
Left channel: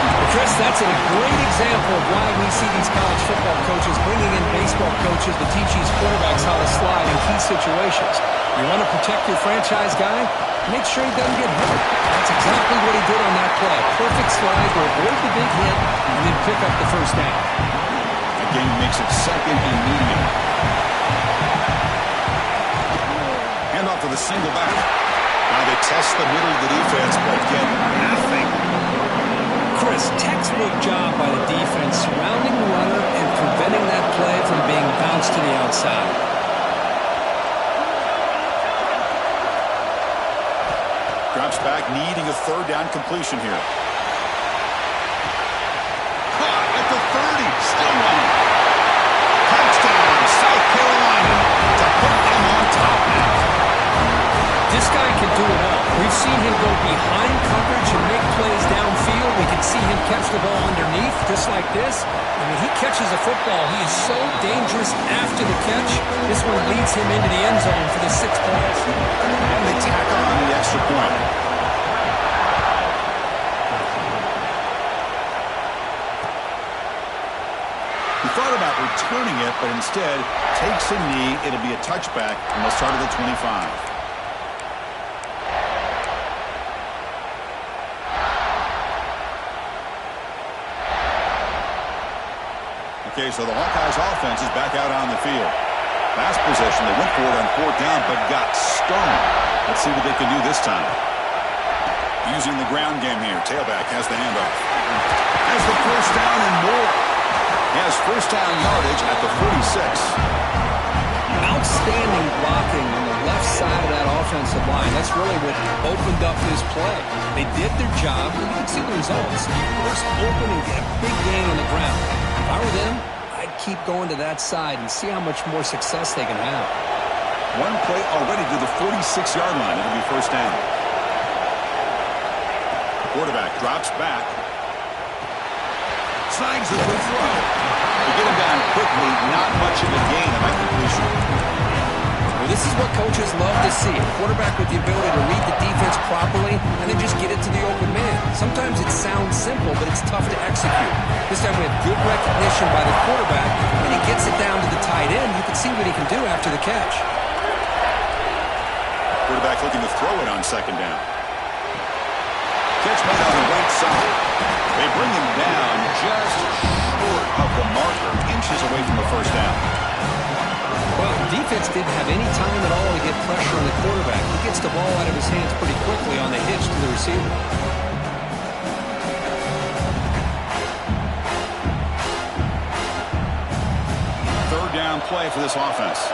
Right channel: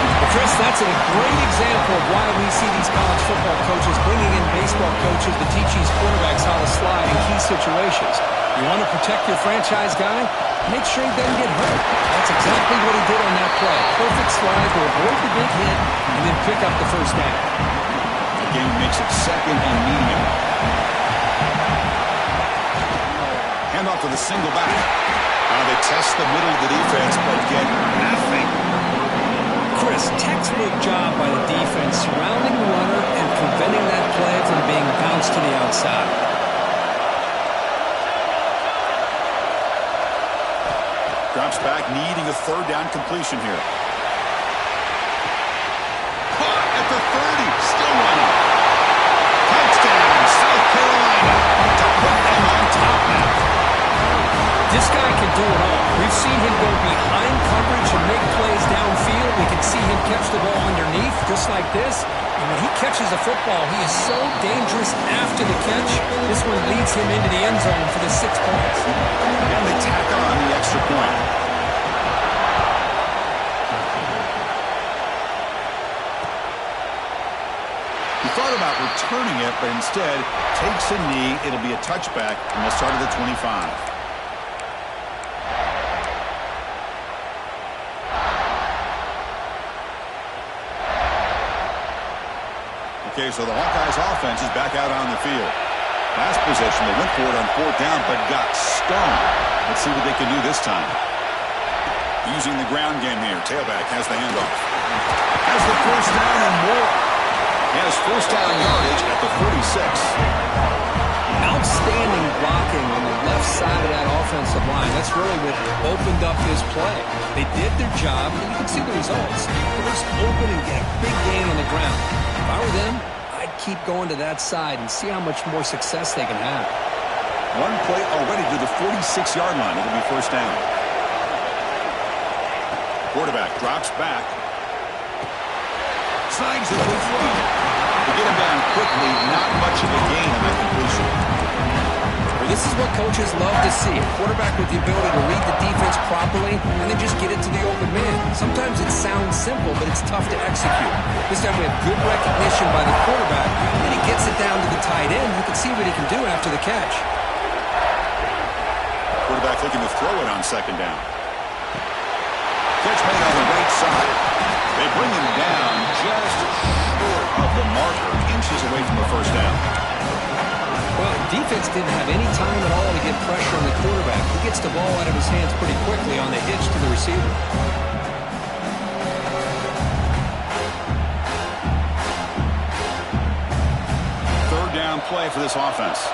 Well, Chris, that's a great example of why we see these college football coaches bringing in baseball coaches to teach these quarterbacks how to slide in key situations. You want to protect your franchise guy? Make sure he doesn't get hurt. That's exactly what he did on that play. Perfect slide to avoid the big hit and then pick up the first down. Again, makes it second and medium. Hand off to the single back. They test the middle of the defense, but get nothing. Chris, textbook job by the defense surrounding the runner and preventing that play from being bounced to the outside. Drops back, needing a third down completion here. Caught at the 30, still running. Touchdown, South Carolina, to put them on top now. This guy can do it all. We've seen him go behind coverage and make plays downfield. We can see him catch the ball underneath, just like this. And when he catches a football, he is so dangerous after the catch. This one leads him into the end zone for the 6 points. And they tack on the extra point. He thought about returning it, but instead takes a knee. It'll be a touchback, and they'll start at the 25. Okay, so the Hawkeyes offense is back out on the field. Last possession, they went for it on 4th down, but got stoned. Let's see what they can do this time. Using the ground game here. Tailback has the handoff. Has the first down and more. He has first down yardage at the 46. Outstanding blocking on the left side of that offensive line. That's really what opened up this play. They did their job, and you can see the results. You burst open and get a big gain on the ground. If I were them, I'd keep going to that side and see how much more success they can have. One play already to the 46-yard line. It'll be first down. Quarterback drops back. Snags it with throw. To get him down quickly, not much of a gain on that completion. Well, this is what coaches love to see. A quarterback with the ability to read the defense properly and then just get it to the open man. Sometimes it sounds simple, but it's tough to execute. This time we have good recognition by the quarterback, and he gets it down to the tight end. You can see what he can do after the catch. Quarterback looking to throw it on 2nd down. Catch made on the right side. They bring him down just short of the marker, inches away from the first down. Well, defense didn't have any time at all to get pressure on the quarterback. He gets the ball out of his hands pretty quickly on the hitch to the receiver. 3rd down play for this offense.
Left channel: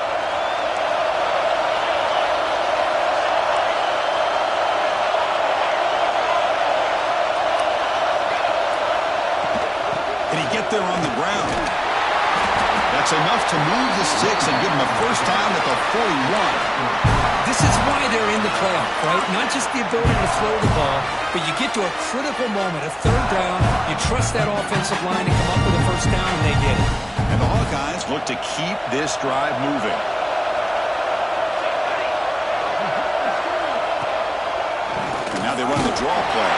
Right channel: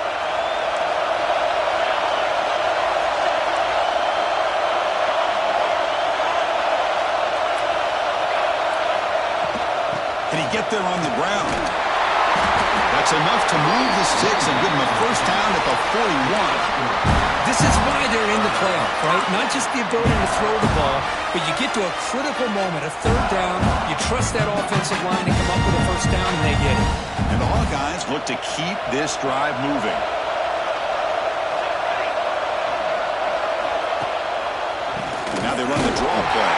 Can he get there on the ground? That's enough to move the sticks and give him a first down at the 41. This is why they're in the playoff, right? Not just the ability to throw the ball, but you get to a critical moment, a 3rd down, you trust that offensive line to come up with a first down, and they get it. And the Hawkeyes look to keep this drive moving. And now they run the draw play.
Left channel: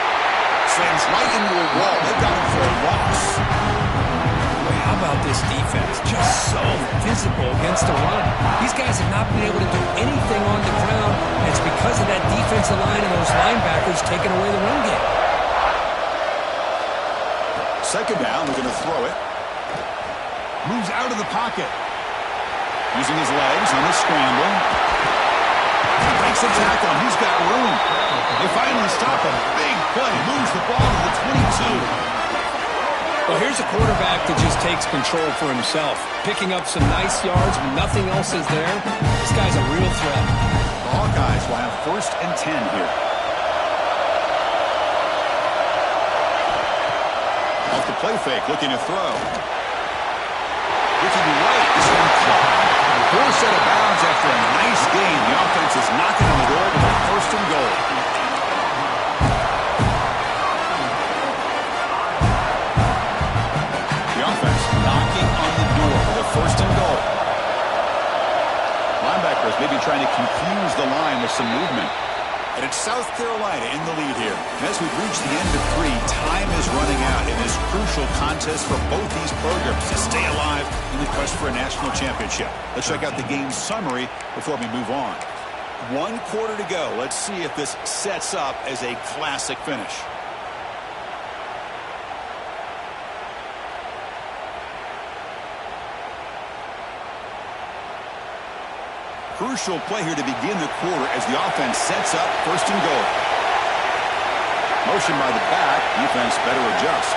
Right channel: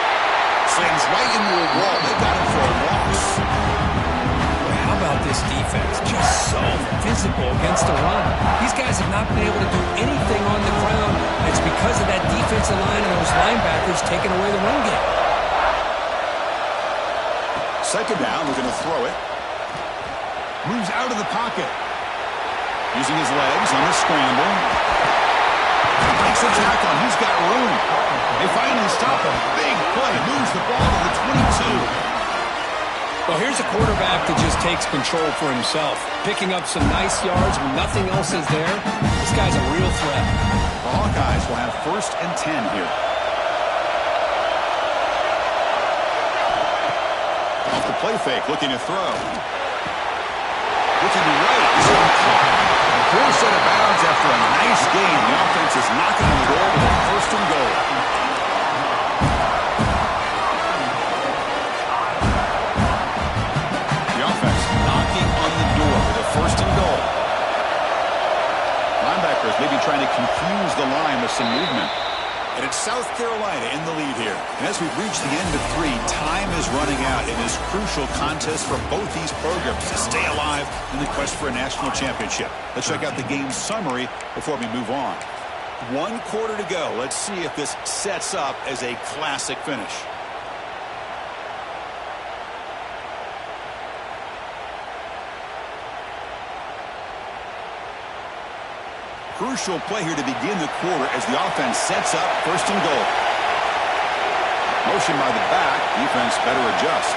Slams right into a wall. They've got him for a loss. Boy, how about this defense? Just so physical against the run. These guys have not been able to do anything on the ground. And it's because of that defensive line and those linebackers taking away the run game. 2nd down, they're going to throw it. Moves out of the pocket. Using his legs on the scramble. Breaks a tackle, and he's got room. They finally stop him. Big play. Moves the ball to the 22. Well, here's a quarterback that just takes control for himself. Picking up some nice yards when nothing else is there. This guy's a real threat. The Hawkeyes will have 1st and 10 here. Off the play fake, looking to throw. Looking right, this one caught. Forced out of bounds after a nice gain. The offense is knocking on the door with a 1st and goal. The offense knocking on the door with a 1st and goal. Linebackers maybe trying to confuse the line with some movement. And it's South Carolina in the lead here. And as we've reached the end of 3, time is running out in this crucial contest for both these programs to stay alive in the quest for a national championship. Let's check out the game summary before we move on. 1 quarter to go. Let's see if this sets up as a classic finish. Crucial play here to begin the quarter as the offense sets up 1st and goal. Motion by the back. Defense better adjust.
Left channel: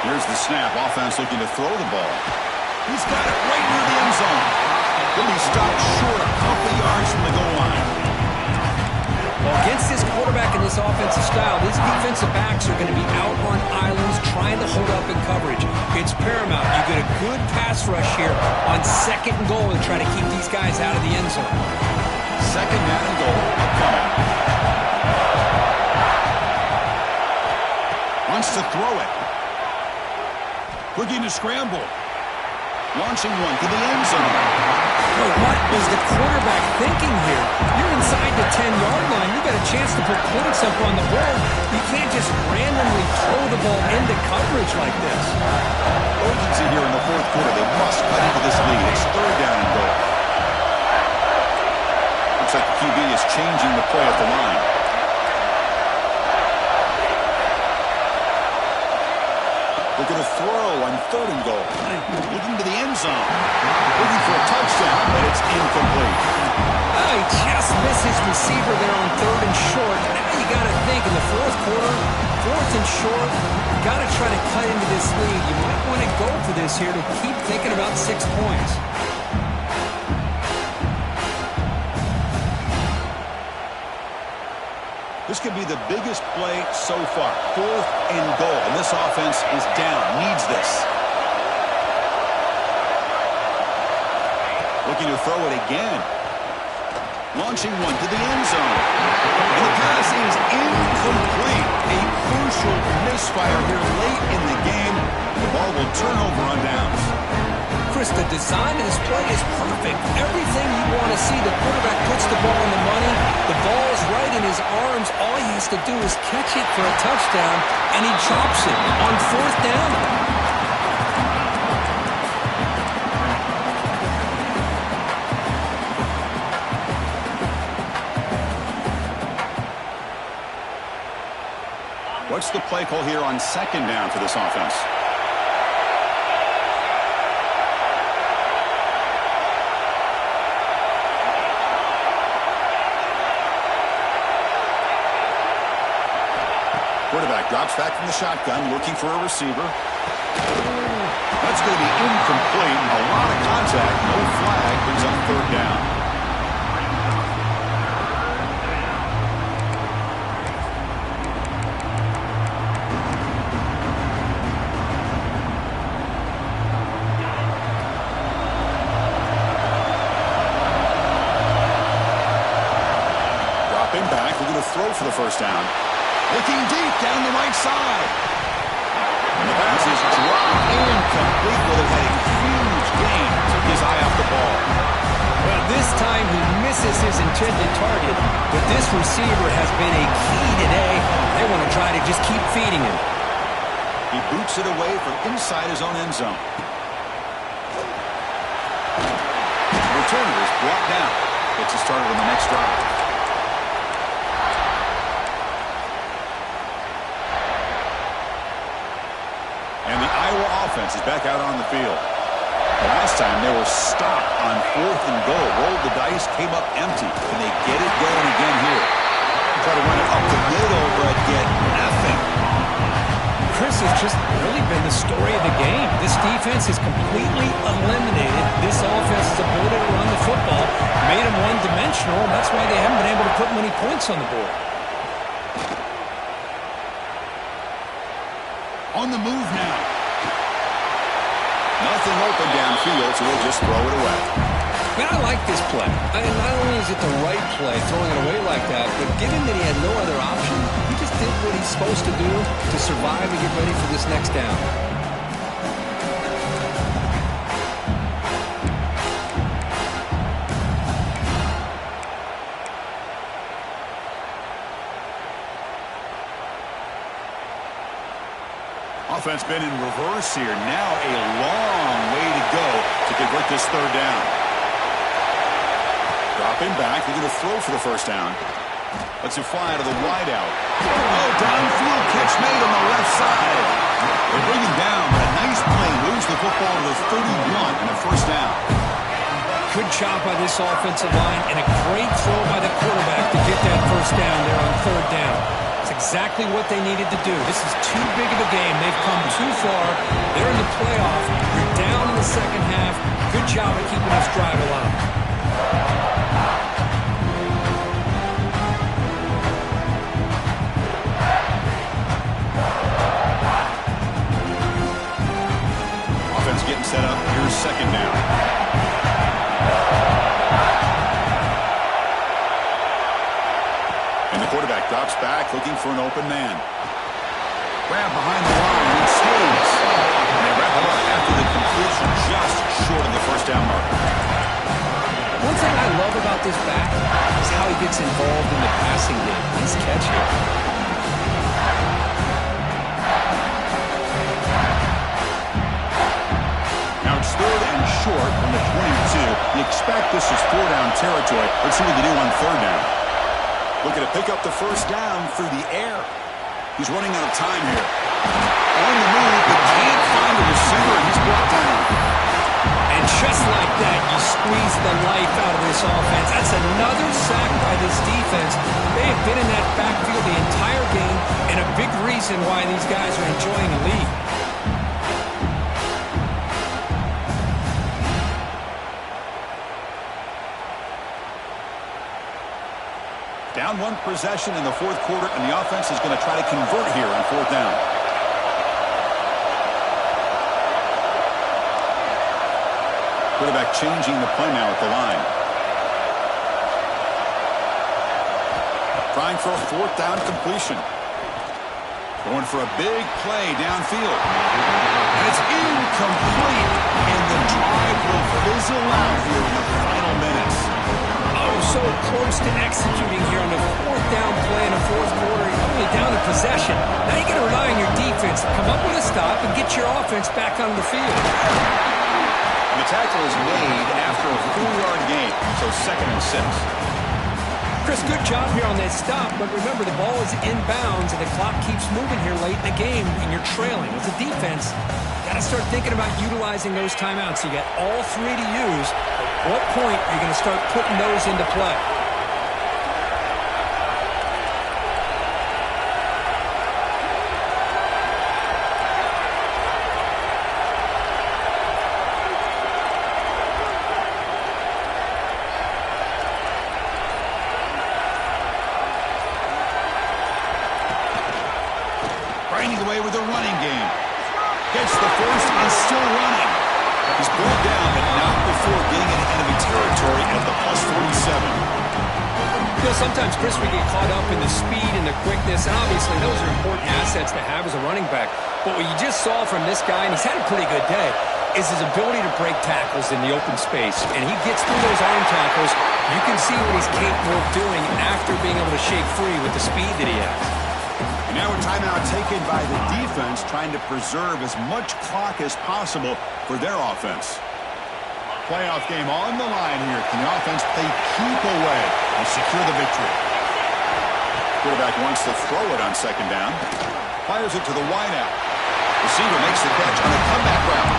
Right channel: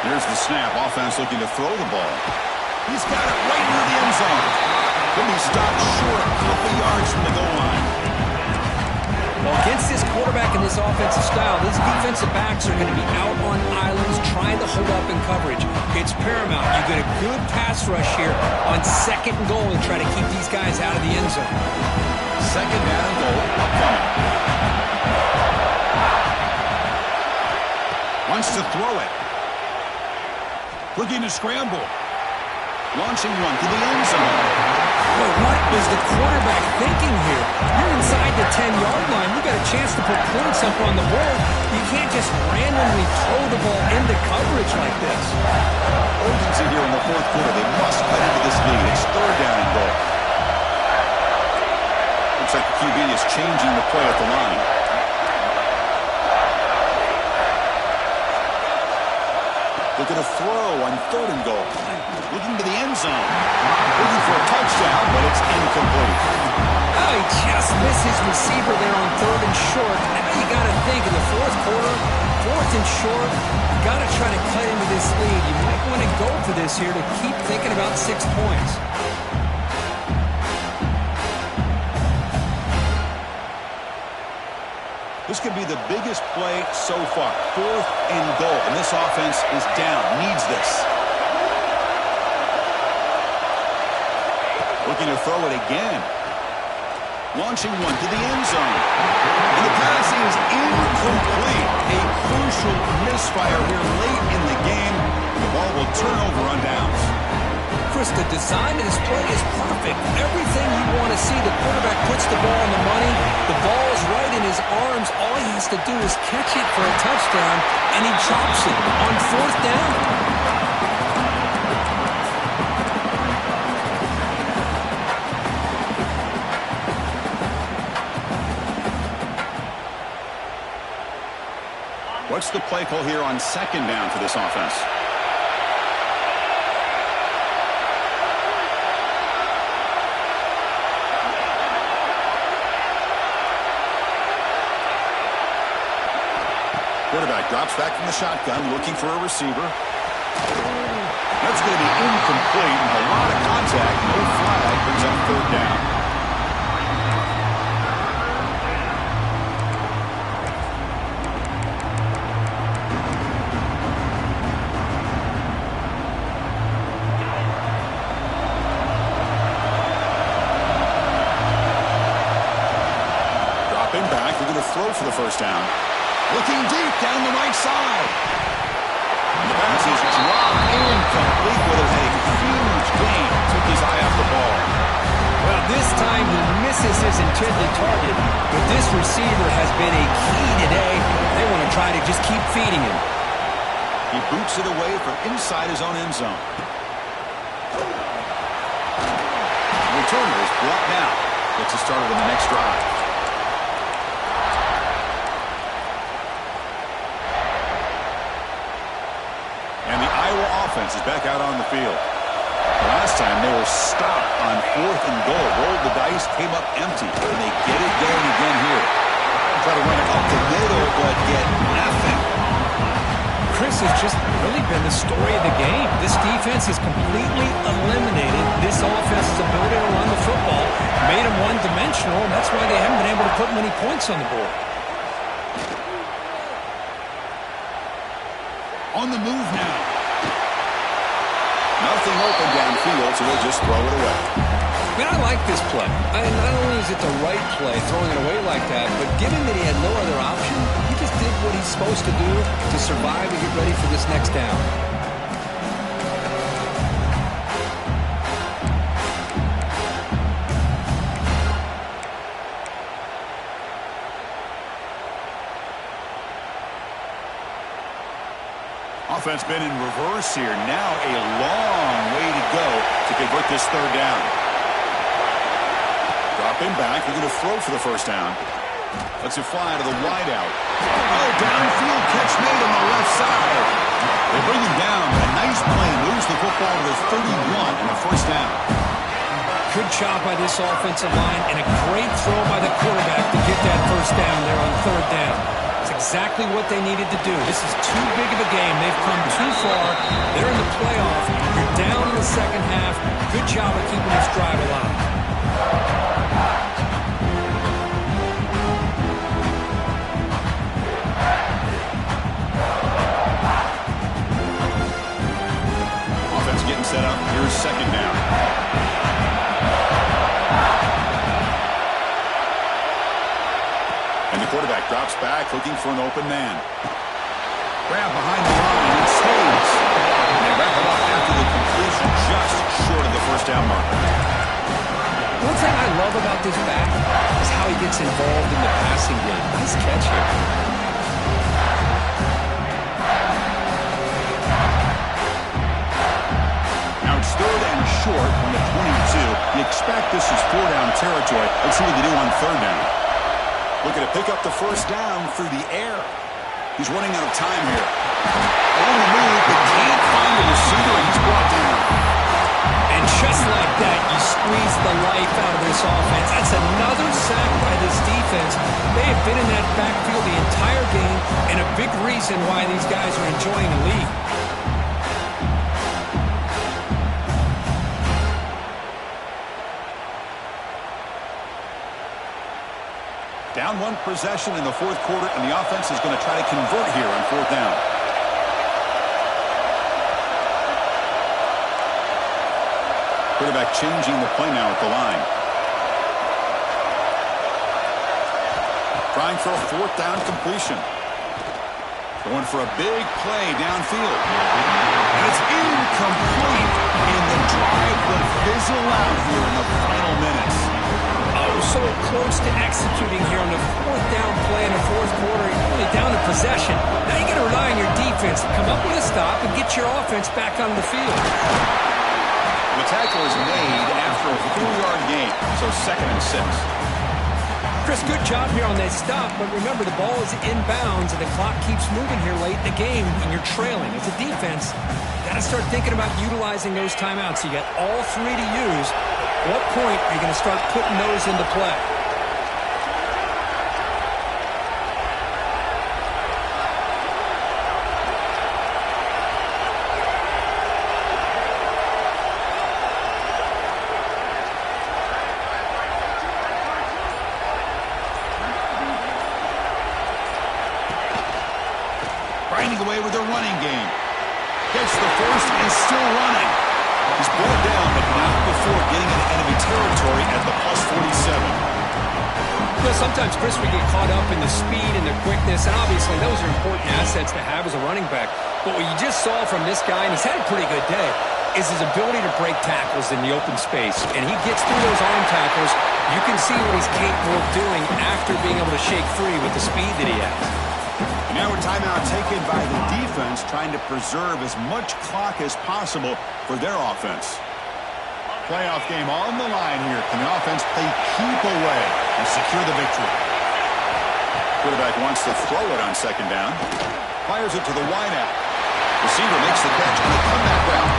Here's the snap. Offense looking to throw the ball. He's got it right near the end zone. He'll be stopped short a couple yards from the goal line. Well, against this quarterback and this offensive style, these defensive backs are going to be out on islands trying to hold up in coverage. It's paramount. You get a good pass rush here on 2nd and goal and try to keep these guys out of the end zone. second down and goal upcoming. Wants to throw it. Looking to scramble. Launching one to the end zone. Boy, what was the quarterback thinking here? You're inside the 10-yard line. You got a chance to put points up on the board. You can't just randomly throw the ball into coverage like this. Urgency here in the fourth quarter. They must cut into this lead. It's third down and goal. Looks like the QB is changing the play at the line. Looking to throw on third and goal. Looking to the end zone. Looking for a touchdown, but it's incomplete. Oh, he just missed his receiver there on third and short. Now you got to think in the fourth quarter, fourth and short, you got to try to cut into this lead. You might want to go for this here to keep thinking about 6 points. This could be the biggest play so far. Fourth and goal. And this offense is down. Needs this. Looking to throw it again. Launching one to the end zone. And the pass is incomplete. A crucial misfire here late in the game. The ball will turn over on downs. Chris, the design of this play is perfect. Everything you want to see. The quarterback puts the ball on the money. The ball's right in his arms. All he has to do is catch it for a touchdown, and he chops it on fourth down. What's the play call here on second down for this offense? Quarterback drops back from the shotgun, looking for a receiver. That's going to be incomplete. A lot of contact. No flag. Brings up third down. Dropping back. We're going to throw for the first down. Looking deep down the right side. And the pass is dropped incomplete. Would have had a huge gain. Took his eye off the ball. Well, this time he misses his intended target, but this receiver has been a key today. They want to try to just keep feeding him. He boots it away from inside his own end zone. The returner is brought down. Gets it started on the next drive. And the Iowa offense is back out on the field. The last time they were stopped on fourth and goal. Rolled the dice, came up empty. Can they get it going again here? Try to run it up the middle, but get nothing. Chris has just really been the story of the game. This defense has completely eliminated this offense's ability to run the football. Made them one-dimensional, and that's why they haven't been able to put many points on the board. On the move now. Nothing open downfield, so we'll just throw it away. Man, I like this play. Not only is it the right play, throwing it away like that, but given that he had no other option, he just did what he's supposed to do to survive and get ready for this next down. Offense been in reverse here. Now a long way to go to convert this third down. Dropping back. They're going to throw for the first down. Lets it fly out of the wideout. Oh, downfield catch made on the left side. They bring him down, but a nice play moves the football to the 31 and a first down. Good job by this offensive line and a great throw by the quarterback to get that first down there on third down. That's exactly what they needed to do. This is too big of a game. They've come too far. They're in the playoff. You're down in the second half. Good job of keeping this drive alive. Offense getting set up. Here's second down. The quarterback drops back, looking for an open man. Grab behind the line, and saves. And they wrap him up after the completion, just short of the first down marker. One thing I love about this back is how he gets involved in the passing game. Nice catch here. Now it's 3rd and short from the 22. You expect this is 4-down territory. Let's see what they do on 3rd down. Looking to pick up the first down through the air. He's running out of time here. On the move, but can't find the receiver, and he's brought down. And just like that, you squeeze the life out of this offense. That's another sack by this defense. They have been in that backfield the entire game, and a big reason why these guys are enjoying a lead. Down 1 possession in the 4th quarter, and the offense is going to try to convert here on 4th down. Quarterback changing the play now at the line. Trying for a 4th down completion. Going for a big play downfield. And it's incomplete, and the drive will fizzle out here in the final minutes. Oh, so close to executing here on the 4th down play in the 4th quarter. You're only down to possession. Now you got to rely on your defense to come up with a stop and get your offense back on the field. The tackle is made after a 4-yard gain, so 2nd and 6. Chris, good job here on that stop, but remember the ball is inbounds and the clock keeps moving here late in the game and you're trailing. As a defense, got to start thinking about utilizing those timeouts. You got all 3 to use. At what point are you going to start putting those into play? Grinding away with a running game. Gets the first and still running. He's brought down, but not before getting into enemy territory at the +47. You know, sometimes, Chris, we get caught up in the speed and the quickness, and obviously those are important assets to have as a running back. But what you just saw from this guy, and he's had a pretty good day, is his ability to break tackles in the open space. And he gets through those arm tackles. You can see what he's capable of doing after being able to shake free with the speed that he has. Now a timeout taken by the defense, trying to preserve as much clock as possible for their offense. Playoff game on the line here. Can the offense play keep away and secure the victory? Quarterback wants to throw it on 2nd down. Fires it to the wideout. Receiver makes the catch on a comeback route.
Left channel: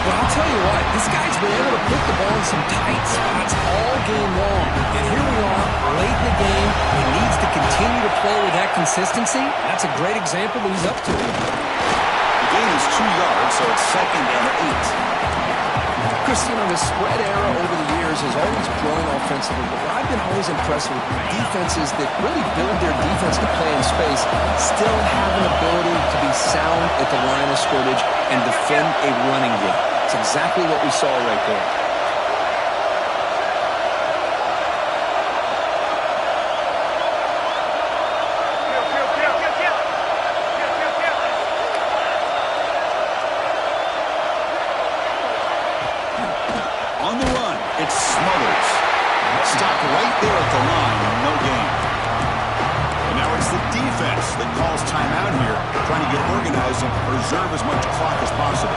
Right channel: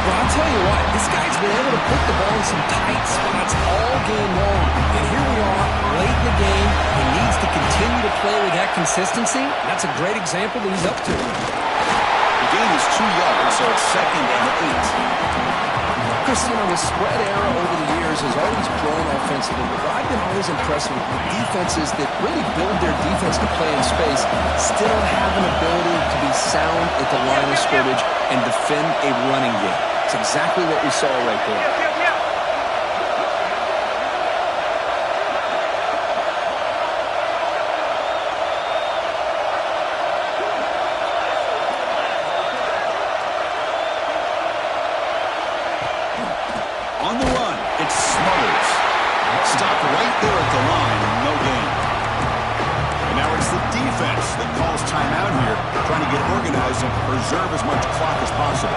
Well, I'll tell you what, this guy's been able to put the ball in some tight spots all game long. And here we are, late in the game. He needs to continue to play with that consistency. That's a great example that he's up to. The gain is 2 yards, so it's 2nd and 8. Chris, you know, the spread era over the years has always grown offensively, but what I've been always impressed with defenses that really build their defense to play in space still have an ability to be sound at the line of scrimmage and defend a running game. It's exactly what we saw right there. On the run, it's Smothers. Stopped right there at the line, and no gain. And now it's the defense that calls timeout here, trying to get organized and preserve as much clock as possible.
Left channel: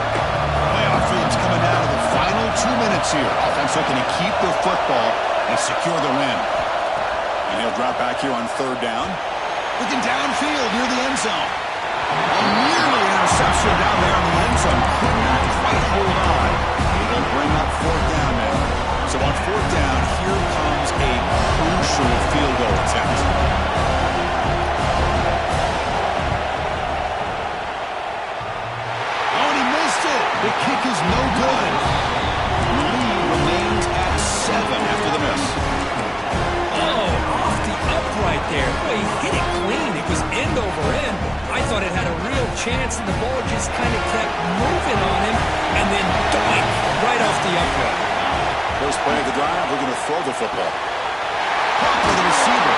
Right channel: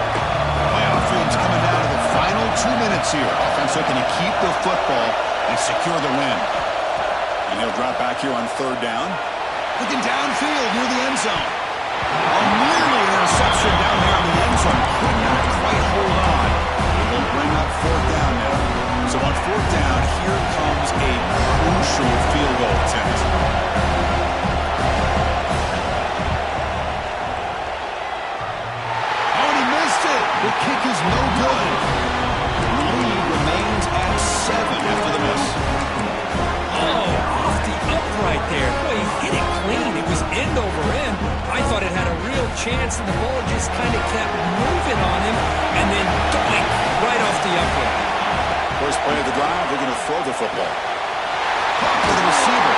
Playoff dreams coming down to the final 2 minutes here. Offense looking to keep the football and secure the win. And he'll drop back here on 3rd down. Looking downfield near the end zone. Oh, nearly an interception down there in the end zone. Could not quite hold on. It'll bring up 4th down now. So on 4th down, here comes a crucial field goal attempt. Oh, and he missed it. The kick is no good. The lead remains at 7 after the miss. Oh, off the upright there. Boy, he hit it clean. It was end over end. I thought it had a real chance, and the ball just kind of kept moving on him, and then doink, right off the upright. First play of the drive, we're going to throw the football. Caught by the receiver.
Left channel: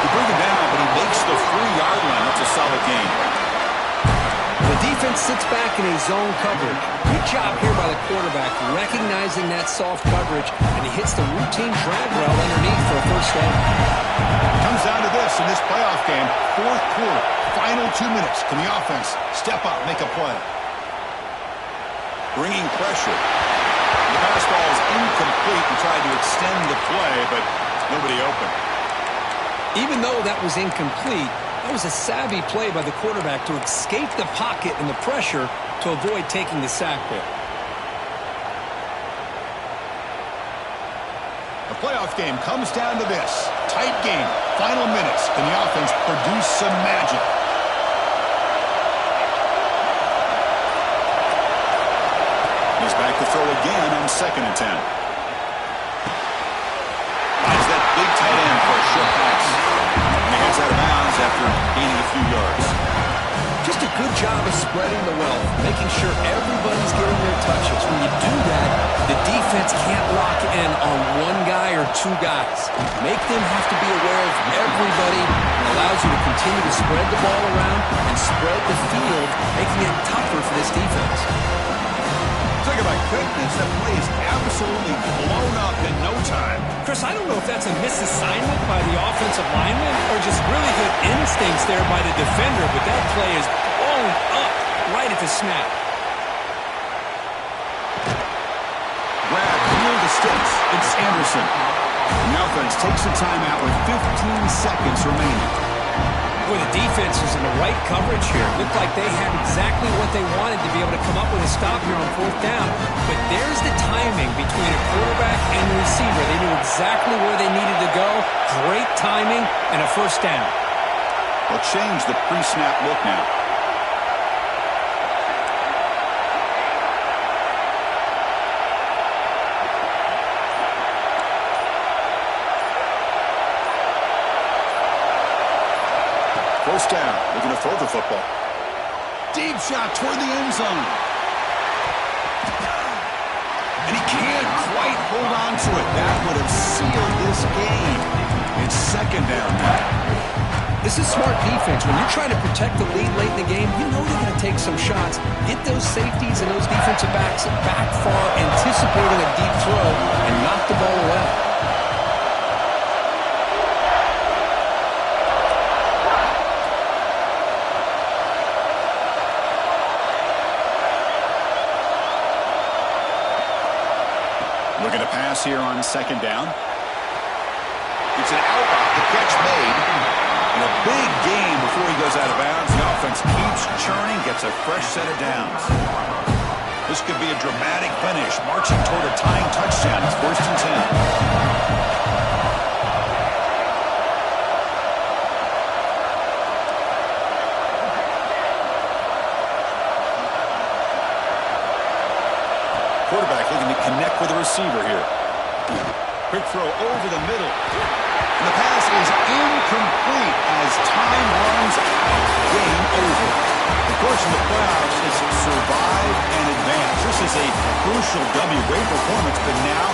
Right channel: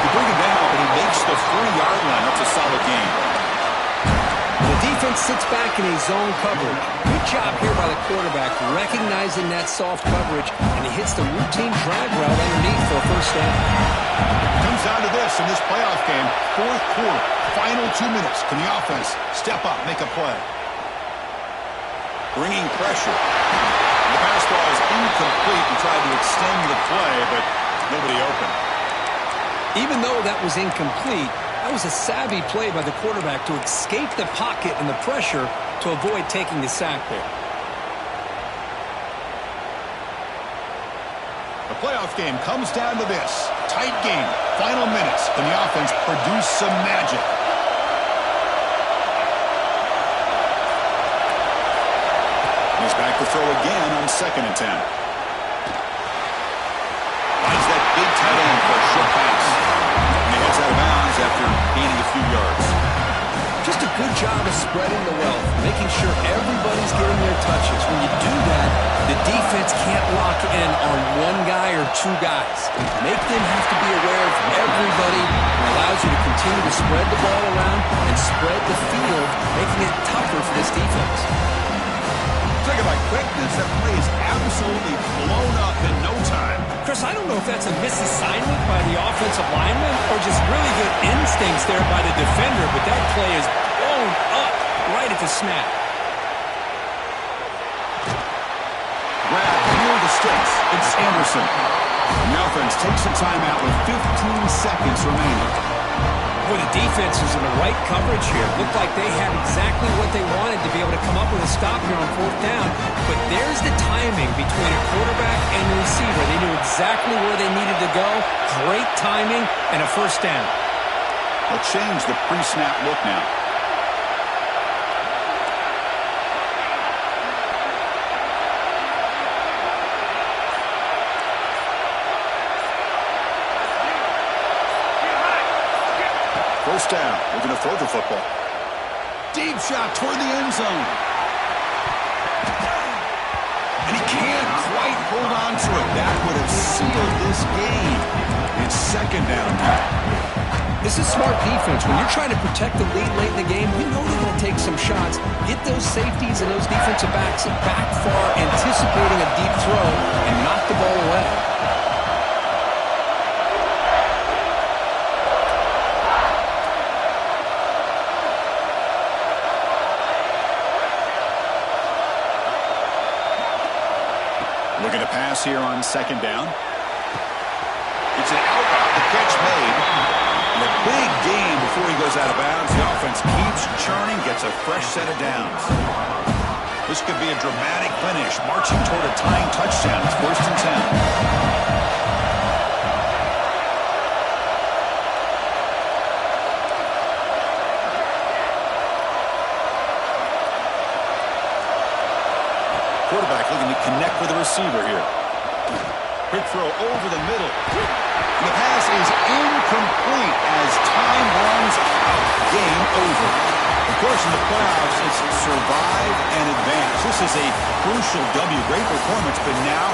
You bring him down, but he makes the 3-yard line. That's a solid gain. The defense sits back in a zone coverage. Good job here by the quarterback, recognizing that soft coverage, and he hits the routine drag route underneath for a first down. Comes down to this in this playoff game. Fourth quarter, final 2 minutes. Can the offense step up, make a play? Bringing pressure. The pass ball is incomplete and tried to extend the play, but nobody open. Even though that was incomplete, that was a savvy play by the quarterback to escape the pocket and the pressure to avoid taking the sack there. The playoff game comes down to this. Tight game. Final minutes. Can the offense produce some magic? He's back to throw again on 2nd and 10. Finds that big tight end for a short pass. And he heads out of bounds after gaining a few yards. Just a good job of spreading the wealth, making sure everybody's getting their touches. When you do that, the defense can't lock in on one guy or two guys. Make them have to be aware of everybody, and allows you to continue to spread the ball around and spread the field, making it tougher for this defense. Talk about quickness. That play is absolutely blown up in no time. Chris, I don't know if that's a misassignment by the offensive lineman or just really good instincts there by the defender, but that play is blown up right at the snap. Grab near the sticks. It's Anderson. The offense takes a timeout with 15 seconds remaining. Boy, the defense is in the right coverage here. Looked like they had exactly what they wanted to be able to come up with a stop here on 4th down. But there's the timing between a quarterback and the receiver. They knew exactly where they needed to go. Great timing and a first down. They'll change the pre-snap look now. First down, looking to throw the football. Deep shot toward the end zone. And he can't quite hold on to it. That would have sealed this game. It's 2nd down now. This is smart defense. When you're trying to protect the lead late in the game, you know they're going to take some shots. Get those safeties and those defensive backs back far, anticipating a deep throw, and knock the ball away. Looking to pass here on 2nd down. It's an out route, the catch made. And a big gain before he goes out of bounds. The offense keeps churning, gets a fresh set of downs. This could be a dramatic finish, marching toward a tying touchdown. It's 1st and 10. Quarterback looking to connect with the receiver here. Quick throw over the middle. And the pass is incomplete as time runs out. Game over. Of course, in the playoffs, it's survive and advance. This is a crucial W. Great performance, but now